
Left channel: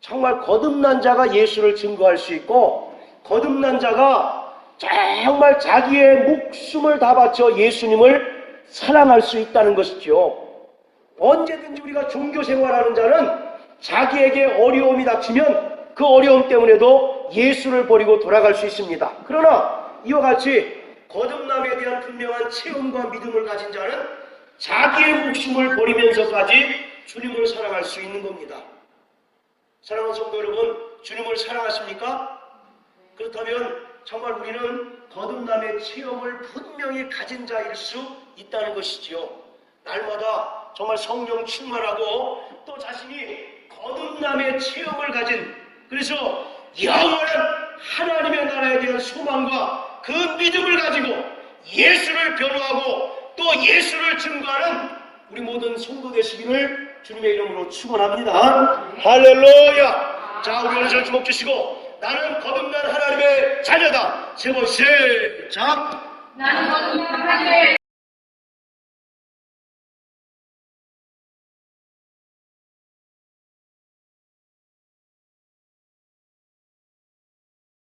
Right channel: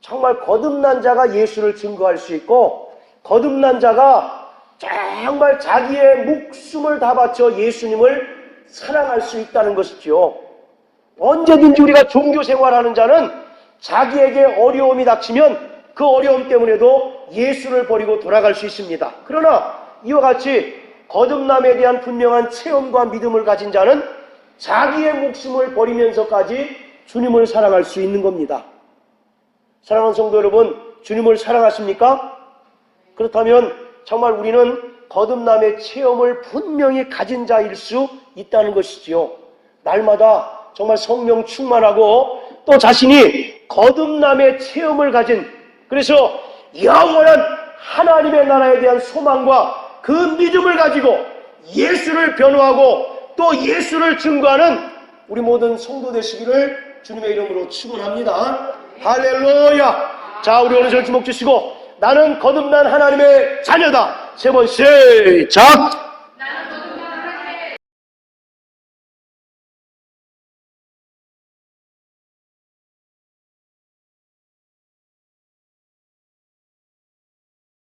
정말 거듭난 자가 예수를 증거할 수 있고 거듭난 자가 정말 자기의 목숨을 다 바쳐 예수님을 사랑할 수 있다는 것이죠. 언제든지 우리가 종교 생활하는 자는 자기에게 어려움이 닥치면 그 어려움 때문에도 예수를 버리고 돌아갈 수 있습니다. 그러나 이와 같이 거듭남에 대한 분명한 체험과 믿음을 가진 자는 자기의 목숨을 버리면서까지 주님을 사랑할 수 있는 겁니다. 사랑하는 성도 여러분, 주님을 사랑하십니까? 그렇다면 정말 우리는 거듭남의 체험을 분명히 가진 자일 수 있다는 것이지요. 날마다 정말 성령 충만하고 또 자신이 거듭남의 체험을 가진 그래서 영원한 하나님의 나라에 대한 소망과 그 믿음을 가지고 예수를 변호하고 또 예수를 증거하는 우리 모든 성도 되시기를 주님의 이름으로 축원합니다. 할렐루야. 자, 우리 오른손 주먹 주시고 나는 거듭난 하나님의 자녀다. 세 번 시작.